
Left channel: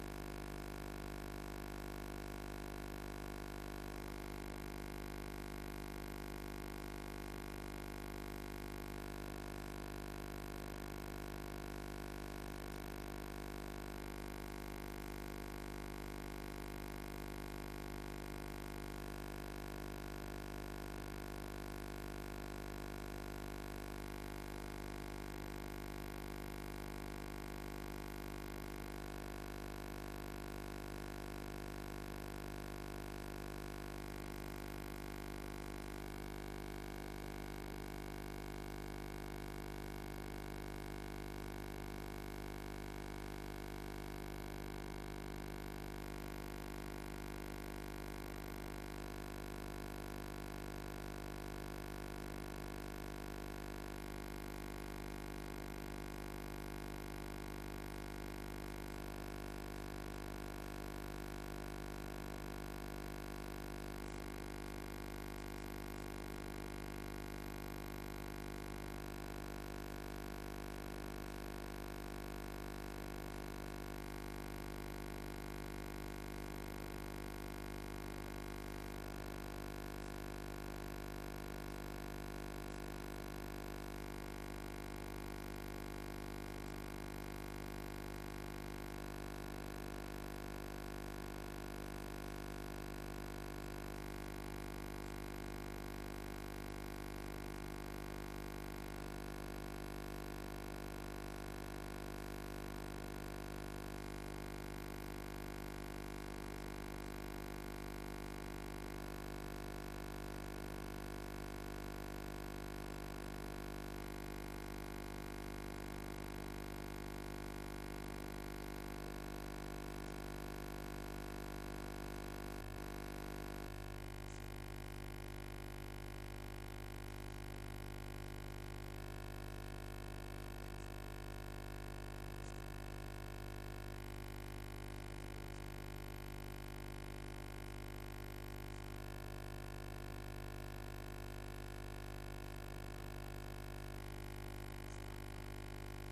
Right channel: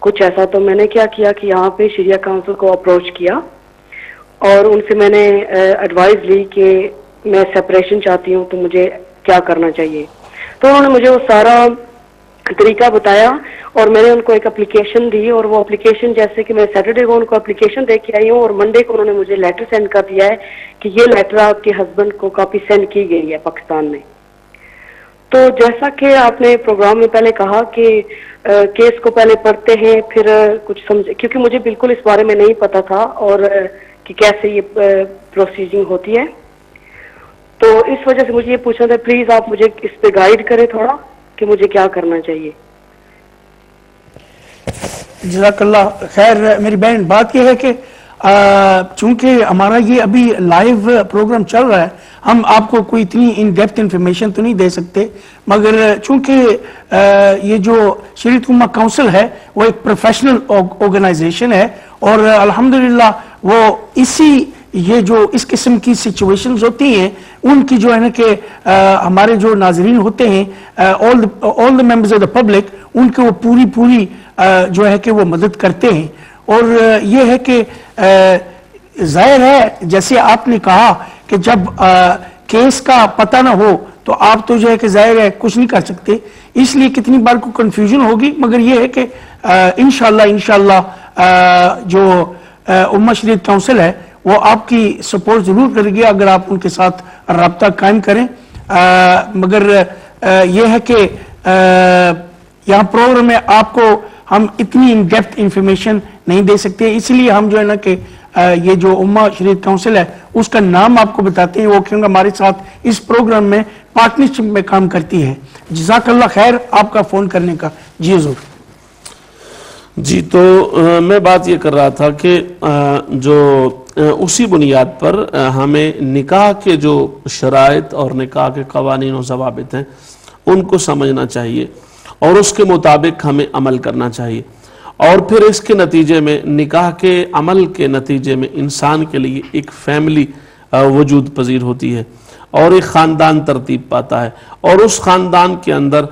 کچھ ایسا۔ تو میں نے کیا کیا کہ یہاں پہ شریعہ کونسل کو اپروچ کیا، اور ان سے میں نے ایڈوائز لی کہ میں سپریشن چاہتی ہوں تو مجھے کیا کرنا چاہیے۔ تو انہوں نے مجھے وہ سارا طریقہ بتایا، اور میں نے ان کو ایک اپلیکیشن دی، اور وہ اپلیکیشن جیسے کہ میں سیٹرڈے کو ان کو اپلیکیشن دے کے آئی ہوں، اور منڈے کو انہوں نے مجھے لیٹر سینڈ کر دیا ہے کہ یہ لیٹر آپ کے ہسبینڈ کو کاپی سینڈ کی گئی ہے پاکستان میں۔ تو جیسا کہ آپ نے پروگرام میں پہلے کہا کہ کیس کو پہلے پڑھتے ہیں پھر کچھ سمجھ، کیونکہ مجھے بالکل اس بارے میں نہیں پتا تھا اور کہ کیسے یہ پروسیجنگ ہوتی ہے، تو اس وجہ سے مجھے یہ پوچھنا تھا، پلیز آپ مجھے اس پہ گائیڈ کریں تھوڑا کہ مجھے کیا کرنا چاہیے۔ جزاک اللہ خیر۔ میری بہن بات یہ ہے کہ چونکہ ہمارا یہ ابھی لائیو پروگرام چل رہا ہے، ہم آپ کو کوئی اتنی ان ڈیپتھ انفارمیشن تو نہیں دے سکتے، مگر چونکہ یہ جو شریعت امہ کونسل ہے وہ ایک پروفیشنل آرگنائزیشن ہے، اور الحمدللہ وہ یہ جو اس قسم کی سچویشنز ہوتی ہیں ان کی جو ہے نا کہ ہمارے جو ناظرین ہوتے ہیں all the members of the public، ان کے وہ پوری جو ہے کہ وہ مدد کرتے ہیں۔ اور یہ ہے کہ ظاہر ہے جیسے آپ نے کہا کہ جب کیس کا پتہ نہ ہو تو آپ تو جو ہے کہ ظاہر ہے کچھ نہیں کر سکتے، اس لیے کتنی بار کو کنفیوژن ہوگی، مگر یہ ہے کہ انشاءاللہ جو امہ شریعت کونسل ہے وہ آپ کی سپورٹ ضرور کرے گی اگر آپ ان کے ساتھ رابطہ قائم کریں۔ مگر یہ ہے کہ یہاں پروگرام میں آپ کو ہم اتنی ان ڈیپتھ انفارمیشن نہیں دے سکتے، اس لیے ہم جو ہے نا کہ یہ جو امہ شریعت کونسل ہے اس کا نام آپ کو بتاتے ہیں، وہ کیونکہ ہمارے ساتھ اس پروگرام میں پارٹنرشپ میں کام کرتی ہے۔ جزاک اللہ خیر آپ کا فون کرنے کا۔ جی حضور۔ جی تو میں بات یہ کر رہا تھا کہ جو اسی بنیاد پر ہمیں نکاح کے جو شرائط اور نکاح کے قوانین و ضوابط ہیں ان کو سمجھنا چاہیے اور اس کے مطابق ہمیں عمل کرنا چاہیے، اور پھر اس کے نتیجے میں نکاح کے عمل کے نتیجے میں انسان کے لیے ایک فیملی وجود پذیر ہوتی ہے اور ایک خاندان ترتیب پاتا ہے، اور اس خاندان کے اندر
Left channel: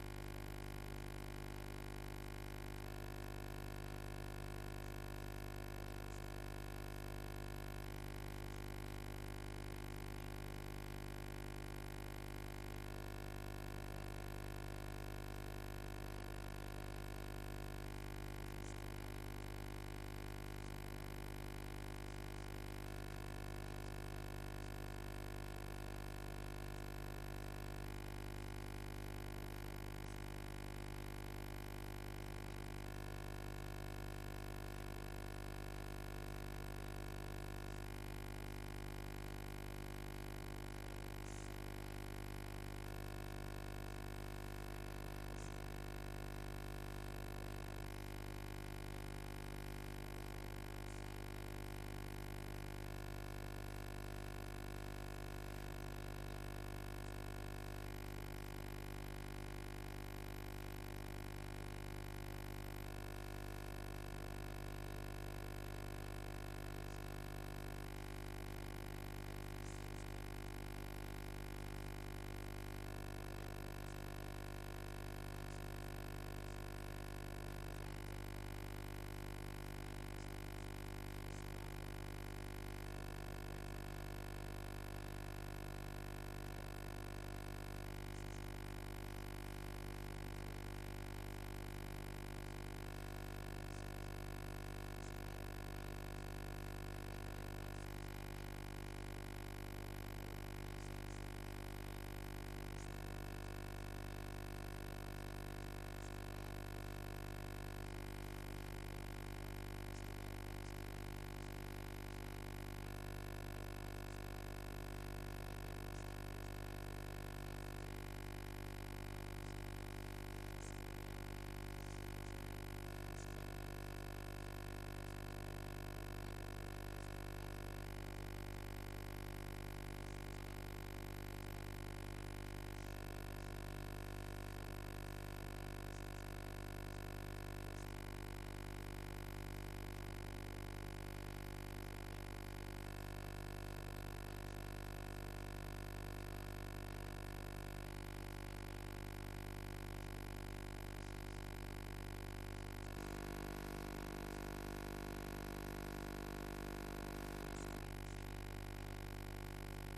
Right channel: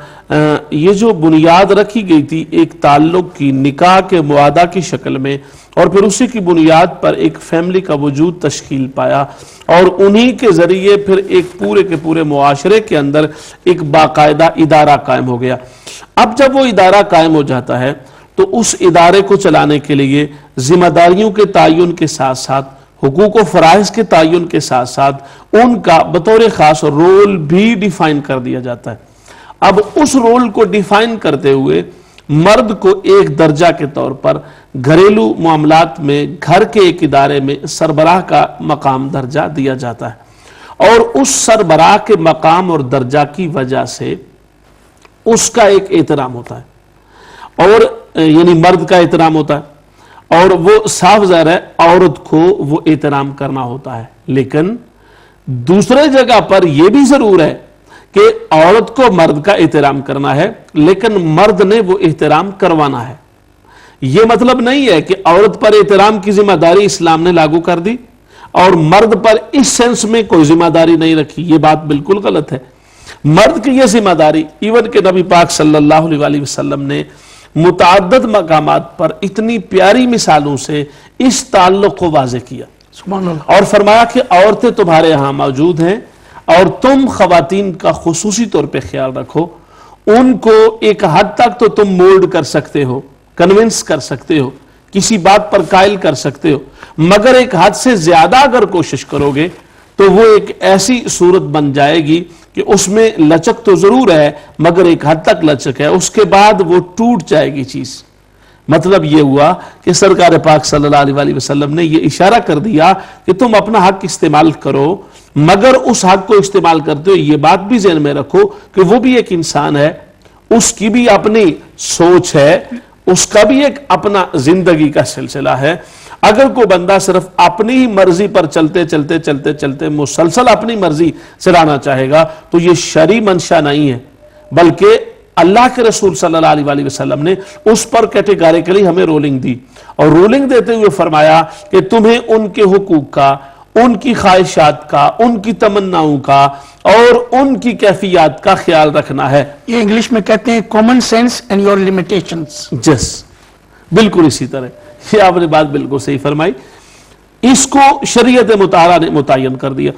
یہ جو بنیاد رکھی گئی تھی ایک تعلق کی نکاح کے معاہدہ کی شکل میں، اور پھر اسی کی بنیاد پر ایک فیملی کا وجود تشکیل پایا، اور انہی کے ذریعے پھر ایک پورے کے پورے معاشرے کے اندر ایک باقاعدہ ادارہ قائم ہو گیا۔ اب جب وہ ادارہ قائم ہو جاتا ہے تو اس ادارے کو چلانے کے لیے ذمہ داریوں کے تعین کے ساتھ ساتھ حقوق و فرائض کے تعین کے ساتھ ساتھ ان کا بطور خاص رول بھی ڈیفائن کر دیا جاتا ہے۔ اب اس رول کو ڈیفائن کرتے ہوئے مرد کو ایک درجہ کے طور پر گھریلو معاملات میں گھر کے ایک ادارے میں سربراہ کا مقام درجہ دیا جاتا ہے، اور اس سربراہ کے مقام اور درجہ کی وجہ سے اس کا ایک احترام ہوتا ہے، اور یعنی مرد کا احترام ہوتا ہے، اور وہ صاف ظاہر ہے عورت کو وہ احترام کرنا ہوتا ہے۔ لیکن دوسرے جگہ پر یہ بھی ضرور ہے کہ عورت کو مرد کا احترام کرنا ہے، لیکن مرد نے وہ احترام کروانا ہے۔ یہ مطلب نہیں ہے کہ عورت پر احترام کی ذمہ داری اسلام نے لاگو کر دی اور مرد پر اس سینس میں کوئی ذمہ داری نہیں رکھی، یہ بات بالکل غلط ہے۔ مرد کی یہ ذمہ داری ایون کہ نبی پاک صلی اللہ علیہ وسلم نے متعدد مقامات پر اتنی پیاری مثالوں سے اس تعلق کو واضح کیا، سبحان اللہ، اور فرمایا کہ عورتیں تمہارے ہاں موجود ہیں اور تم خواتین کا خصوصی طور پہ خیال رکھو، ان کو ایک حد تک تو تم مولڈ کر سکتے ہو، کنونس کر سکتے ہو، کسی بات پر قائل کر سکتے ہو، مگر ایک حد سے زیادہ اگر کوشش کرو گے تو وہ ایک ایسی صورت بن جائے گی کہ اس میں لچک تو ضرور ہے مگر ایک حد تک لچک ہے، اس کے بعد وہ ٹوٹ جائے گی چیز۔ مطلب یہ ہوا کہ سرکار پاک صلی اللہ علیہ وسلم نے یہ اشارہ کر دیا کہ تم اپنا حق استعمال کرو، مگر اس حق کو استعمال کرتے ہو یہ بات بھی ذہن میں رکھو کہ وہ بھی ایک انسان ہے، اس کی بھی اپنی سوچ ہے، اس کا بھی ایک اپنا زندگی کا سلسلہ ہے۔ اگر کوئی بندہ صرف اپنی ہی مرضی پر چلتے مسلسل اپنی مرضی چلانا چاہے گا تو یہ شرعی منشا نہیں ہے، بلکہ اللہ کے رسول صلی اللہ علیہ وسلم نے اس پر کیٹیگریکلی ہمیں رولنگ دی، اور رولنگ دیتے ہوئے فرمایا کہ تمہیں ان کے حقوق کا، ان کی خواہشات کا، ان کی تمناؤں کا اور ان کی کیفیات کا خیال رکھنا ہے۔ یہ انگلش میں کہتے ہیں common sense and your limitations. جس بالکل اسی طرح یہ آپ نے بات بالکل صحیح فرمائی، اس کو شریعت مطالعہ نے متعین کر دیا۔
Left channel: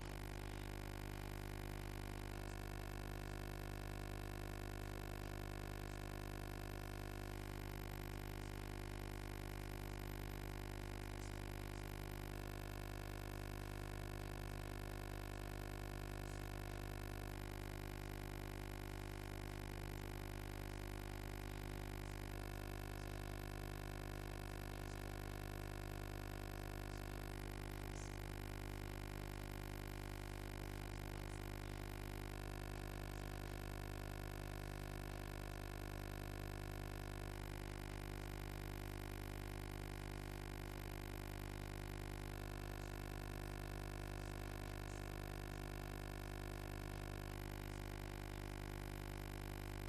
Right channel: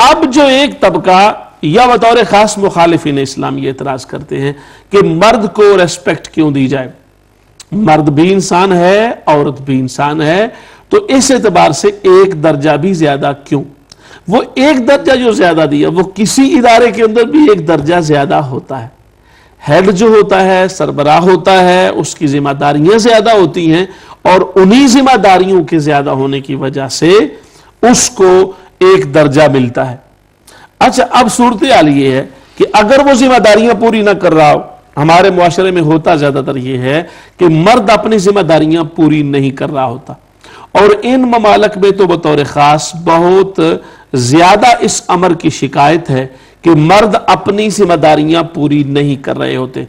اب جو ایک طبقہ یا بطور خاص مخالفین اسلام یہ اعتراض کرتے ہیں کہ مرد کو ریسپیکٹ کیوں دی جائے، مرد بھی انسان ہے عورت بھی انسان ہے، تو اس اعتبار سے ایک درجہ بھی زیادہ کیوں؟ وہ ایک درجہ جو زیادہ دیا وہ کسی ادارے کے اندر بھی ایک درجہ زیادہ ہوتا ہے، ہیڈ جو ہوتا ہے سربراہ ہوتا ہے، اس کی ذمہ داریاں زیادہ ہوتی ہیں، اور انہی ذمہ داریوں کے زیادہ ہونے کی وجہ سے اس کو ایک درجہ ملتا ہے۔ اچھا اب صورتحال یہ ہے کہ اگر وہ ذمہ داریاں پوری نہ کر رہا ہو، ہمارے معاشرے میں ہوتا زیادہ تر یہ ہے کہ مرد اپنی ذمہ داریاں پوری نہیں کر رہا ہوتا، اور ان ممالک میں تو بطور خاص بہت زیادہ اس امر کی شکایت ہے کہ مرد اپنی ذمہ داریاں پوری نہیں کر رہے ہوتے،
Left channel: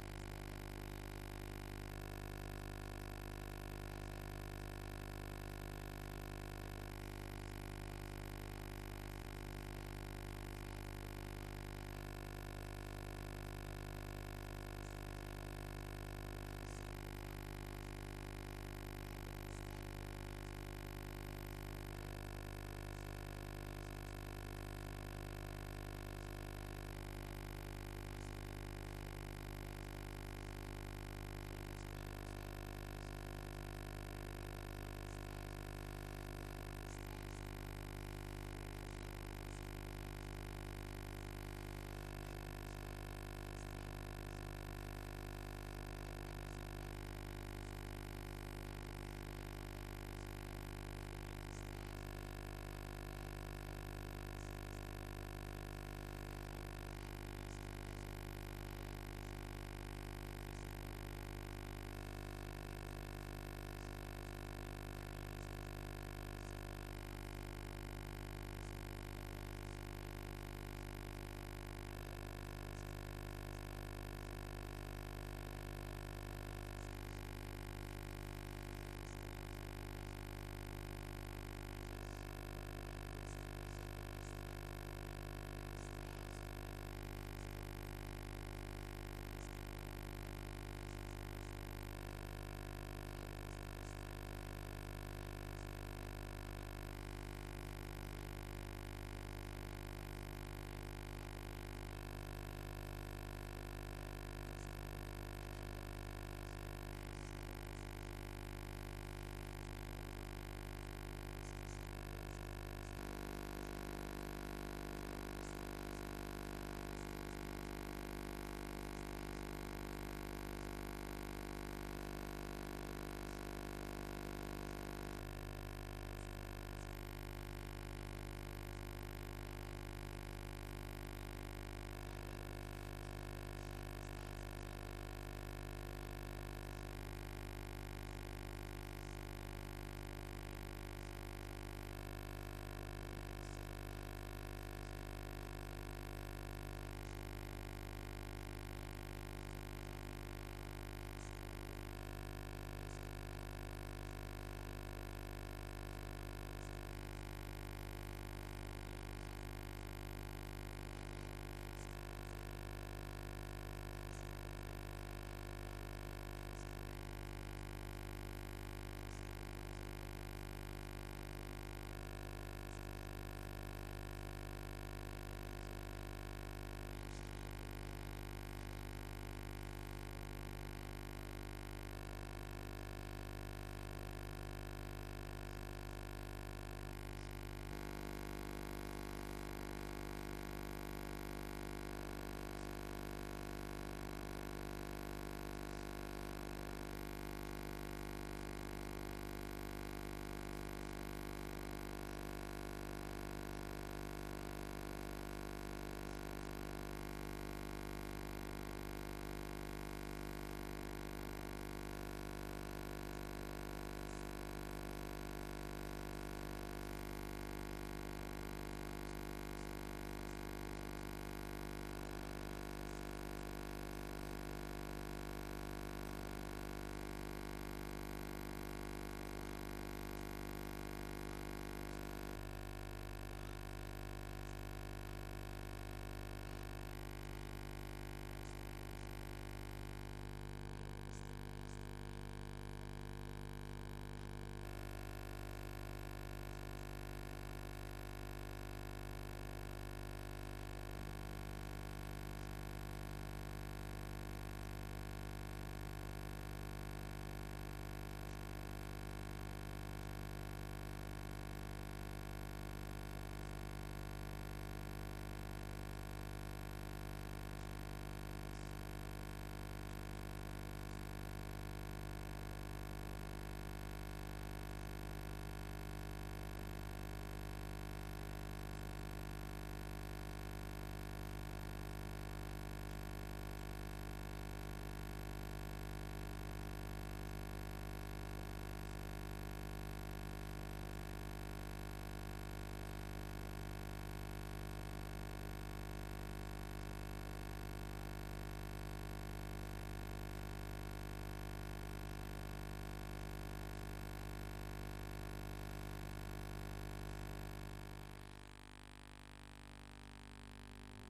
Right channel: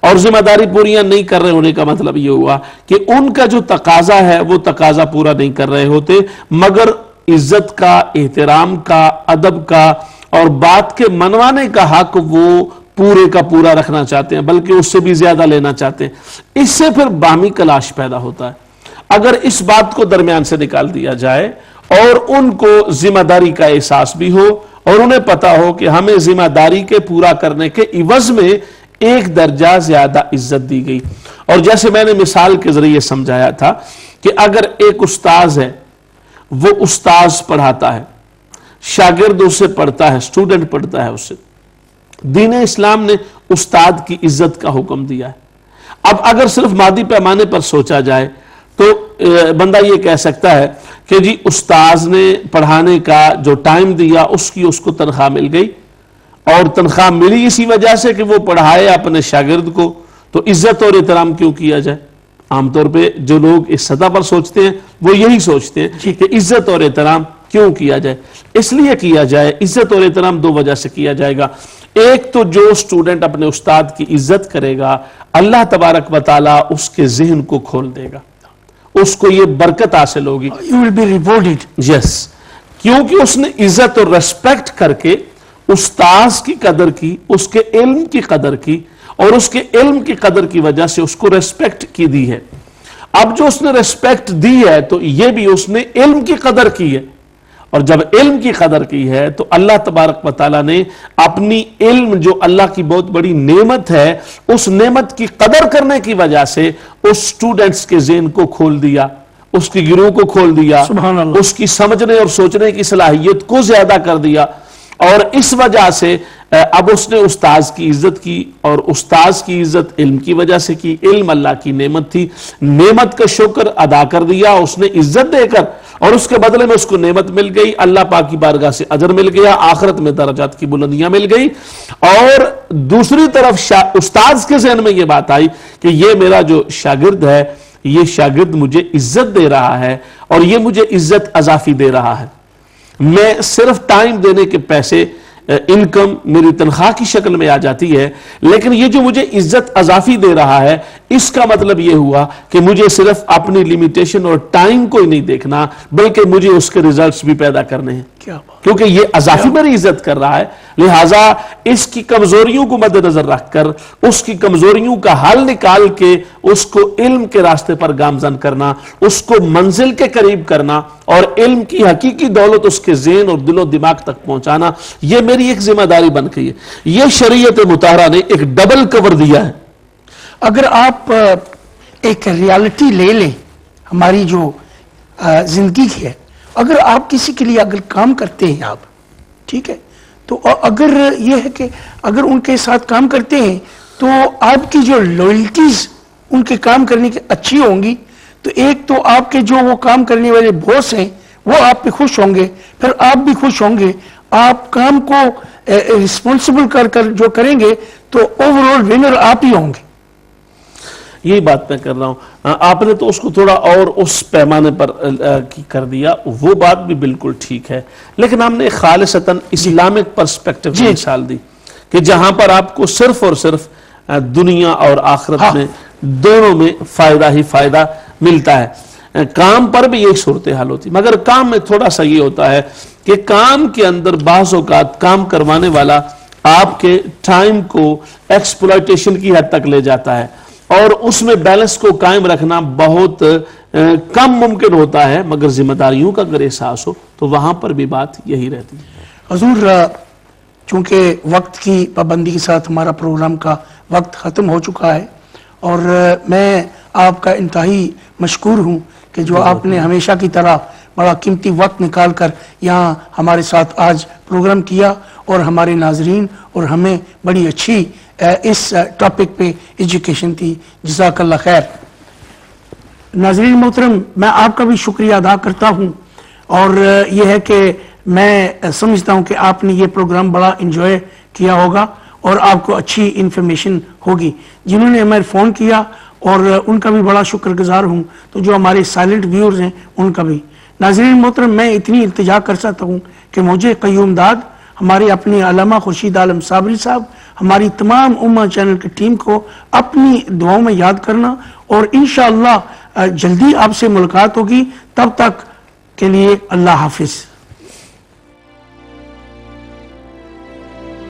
اور ذمہ داری پوریاں نہیں کر رہے ہونے کا مطلب یہ ہوا کہ ان کا جو تقاضا ہے وہ تقاضا پورا نہیں کر رہے ہوتے، مگر عزت کا، احترام کا، ادب کا اور بات کے منوانے کا حق وہ پورے کا پورا رکھنا چاہتے ہیں، بلکہ اس سے بھی زیادہ لینا چاہتے ہیں۔ اس سے پھر باہمی کلاش پیدا ہوتا ہے۔ اگر اس بات کو درمیان سے نکال دیا جائے اور ان کو ذمہ داری کا احساس بھی ہو اور انہیں پتا ہو کہ ہمیں ذمہ داری کے پورا کرنے کے عوض میں ایک درجہ زیادہ عزت دی گئی، اور جیسے میں نے مثال کے ذریعے سمجھایا تھا کہ اگر ایک استاذ ہے، وہ استاذ پڑھاتا ہے، شاگرد اس سے پڑھتا ہے، اسٹوڈنٹ پڑھتا ہے اس سے، دین اسلام نے استاد کی عزت کا حکم دیا ہے۔ اب اگر صرف مادی پیمانے پر سوچا جائے تو بندہ یہ کہہ سکتا ہے کہ جی استاذ نے پڑھانے کا جو ٹائم دیا اس کو تنخواہ مل گئی، اور تنخواہ ملی اسی وجہ سے کہ وہ پڑھائے اپنے شاگرد کو، تو عزت اور احترام کیوں کیا جائے؟ عام طور پہ جو لوگ اس سطح پر سوچتے ہیں وہ یہی سوچتے ہیں کہ عزت اور احترام کیوں کیا جائے. اس لیے کیا جائے, عزت اور احترام دو وجہ سے کیا جائے گا. ایک تو جو اسٹوڈنٹ اپنے استاد کی عزت کرے گا, اللہ تبارک و تعالیٰ اس کے ذہن کو کھول دے گا, اس کو یہ برکت حاصل ہوگی. You will be rewarded. یس, کیونکہ اس نے عزت اور ریسپیکٹ کر کے استاذ کی قدر کی, اس کے علم کی قدر کی, اور اس کے علم کی قدر کی وجہ سے اس کو ریسپیکٹ کی دی ہے. اب جو اس نے ریسپیکٹ دی ہے تو یہ بھی اس نے علم کی قدر کی ہے, اور جب علم کی قدر کی ہے تو اللہ تبارک و تعالیٰ نے اپنی علم جو اللہ کی بہت بڑی نعمت ہے, اس نعمت کی قدر کرنے کی وجہ سے اس سٹوڈنٹس کے ذہن کو کھول دیا, اس کی گروہ کو کھول دیا, سبحان اللہ. اس کی سمجھنے اور سوچنے کی صلاحیت کو زیادہ کر دیا. اور اس وجہ سے اب اس نے استاذ کی عزت کی, اور استاذ کی عزت علم کی وجہ سے کی. علم اللہ کی نعمت تھی, نعمت کا شکر ادا کر دیا اس نے عزت دے کر, اور اس کے بدلے میں اس کو نعمت مل گئی, اللہ پاک کی بارگاہ سے اجر مل گیا, آخرت میں درجات کی بلندیاں مل گئی. اور دوسری طرف استاذ کے ذہن میں یہ بات آئی کہ یہ میرا جو شاگرد ہے, یہ شاگرد مجھے عزت دے رہا ہے, اور یہ مجھے عزت اضافی دے رہا ہے. میں صرف ٹائم دینے کے پیسے, انکم میری تنخواہ کی شکل میں آ جاتی ہے, لیکن یہ جو مجھے عزت اضافی دے رہا ہے, اس کا مطلب یہ ہوا کہ مجھے صرف اپنی لیمیٹیشن اور ٹائم کو ہی نہیں دیکھنا, بلکہ مجھے اس کے ریزلٹس بھی پیدا کرنے ہیں, کیونکہ یہ اضافی میری عزت کر رہا ہے. لہٰذا اس کی کمزوریوں کو مد نظر رکھ کر, اس کی کمزوریوں کا حل نکال کے اس کو علم کے راستے پر گامزن کرنا, اس کو منزل کے قریب کرنا, اور علم کی حقیقی دولت اس کے ذہن اور دل و دماغ تک پہنچانا, یہ میری ایک ذمہ داری بن گئی ہے. یہ شریعت مطہرہ نے ایک ڈبل کور دیا ہے. اگر آپ ایک ریالٹی لے لیں ہماری جو زندگی کی ہے, اگر آپ کسی کے لیے اگر کام کرتے ہیں آپ, ٹھیک ہے, تو اگر یہ ہے کہ اگر ان کے ساتھ کام کرتے ہیں تو آپ کی جو لوئلٹیز ان کے کام کرنے کی اچھی ہوں گی, تو ایک تو آپ کے جو وہ کام کرنے والے باس ہیں وہ آپ پہ خوش ہوں گے, پھر آپ بھی خوش ہوں گے. آپ کام کو رسپانسبل کر جو کریں گے تو اوور آل ونر آپ ہی ہوں گے. یہی بات میں کر رہا ہوں. آپ نے تو اس کو تھوڑا اور اس پیمانے پر کر دیا, وہ بات بھی بالکل ٹھیک ہے, لیکن ہم نے خالصتاً اسلامک پرسپیکٹو کی مثال دی کہ جہاں پر آپ کو صرف اور صرف دنیا اور آخرت میں دونوں میں فائدہ ہی فائدہ ملتا ہے. کام پر بھی ایک صورتحال ہوتی, مگر کام میں تھوڑا سا یہ ہوتا ہے کہ کام کے اندر بعض اوقات کام کروانے والا آپ کے ٹائم کو ایکسپلائٹیشن کی حد تک لے جاتا ہے, اور اس میں بیلنس کو قائم رکھنا بہت کم ممکن ہوتا ہے. مگر ذمہ داریوں کا اگر احساس ہو تو وہاں پر بھی بات یہی رہتی ہے. حضور, چونکہ وقت کی پابندی کے ساتھ ہمارا پروگرام کا وقت ختم ہو چکا ہے, اور میں آپ کا انتہائی مشکور ہوں کہ جو آپ نے ہمیشہ کی طرح بڑا قیمتی وقت نکال کر یہاں ہمارے ساتھ آج پروگرام کیا, اور ہمارے ناظرین اور ہمیں بڑی اچھی اس ٹاپک پہ ایجوکیشن تھی. جزاک اللہ خیر. ناظرین محترم, میں آپ کا بھی شکریہ ادا کرتا ہوں, اور یہ ہے کہ میں سمجھتا ہوں کہ آپ نے یہ پروگرام بڑا انجوائے کیا ہوگا, اور آپ کو اچھی انفارمیشن ہوگی. جنہوں نے ہمیں فون کیا اور ان کا بھی بڑا شکر گزار ہوں, تو جو ہمارے سائلنٹ ویورز ہیں ان کا بھی. ناظرین محترم, میں اتنی التجا کر سکتا ہوں کہ مجھے قیوم داد, ہمارے اپنے علامہ خورشید عالم صابری صاحب, ہماری تمام امہ چینل کی ٹیم کو اپنی دعاؤں میں یاد کرنا, اور انشاءاللہ جلدی آپ سے ملاقات ہوگی. تب تک کے لیے اللہ حافظ.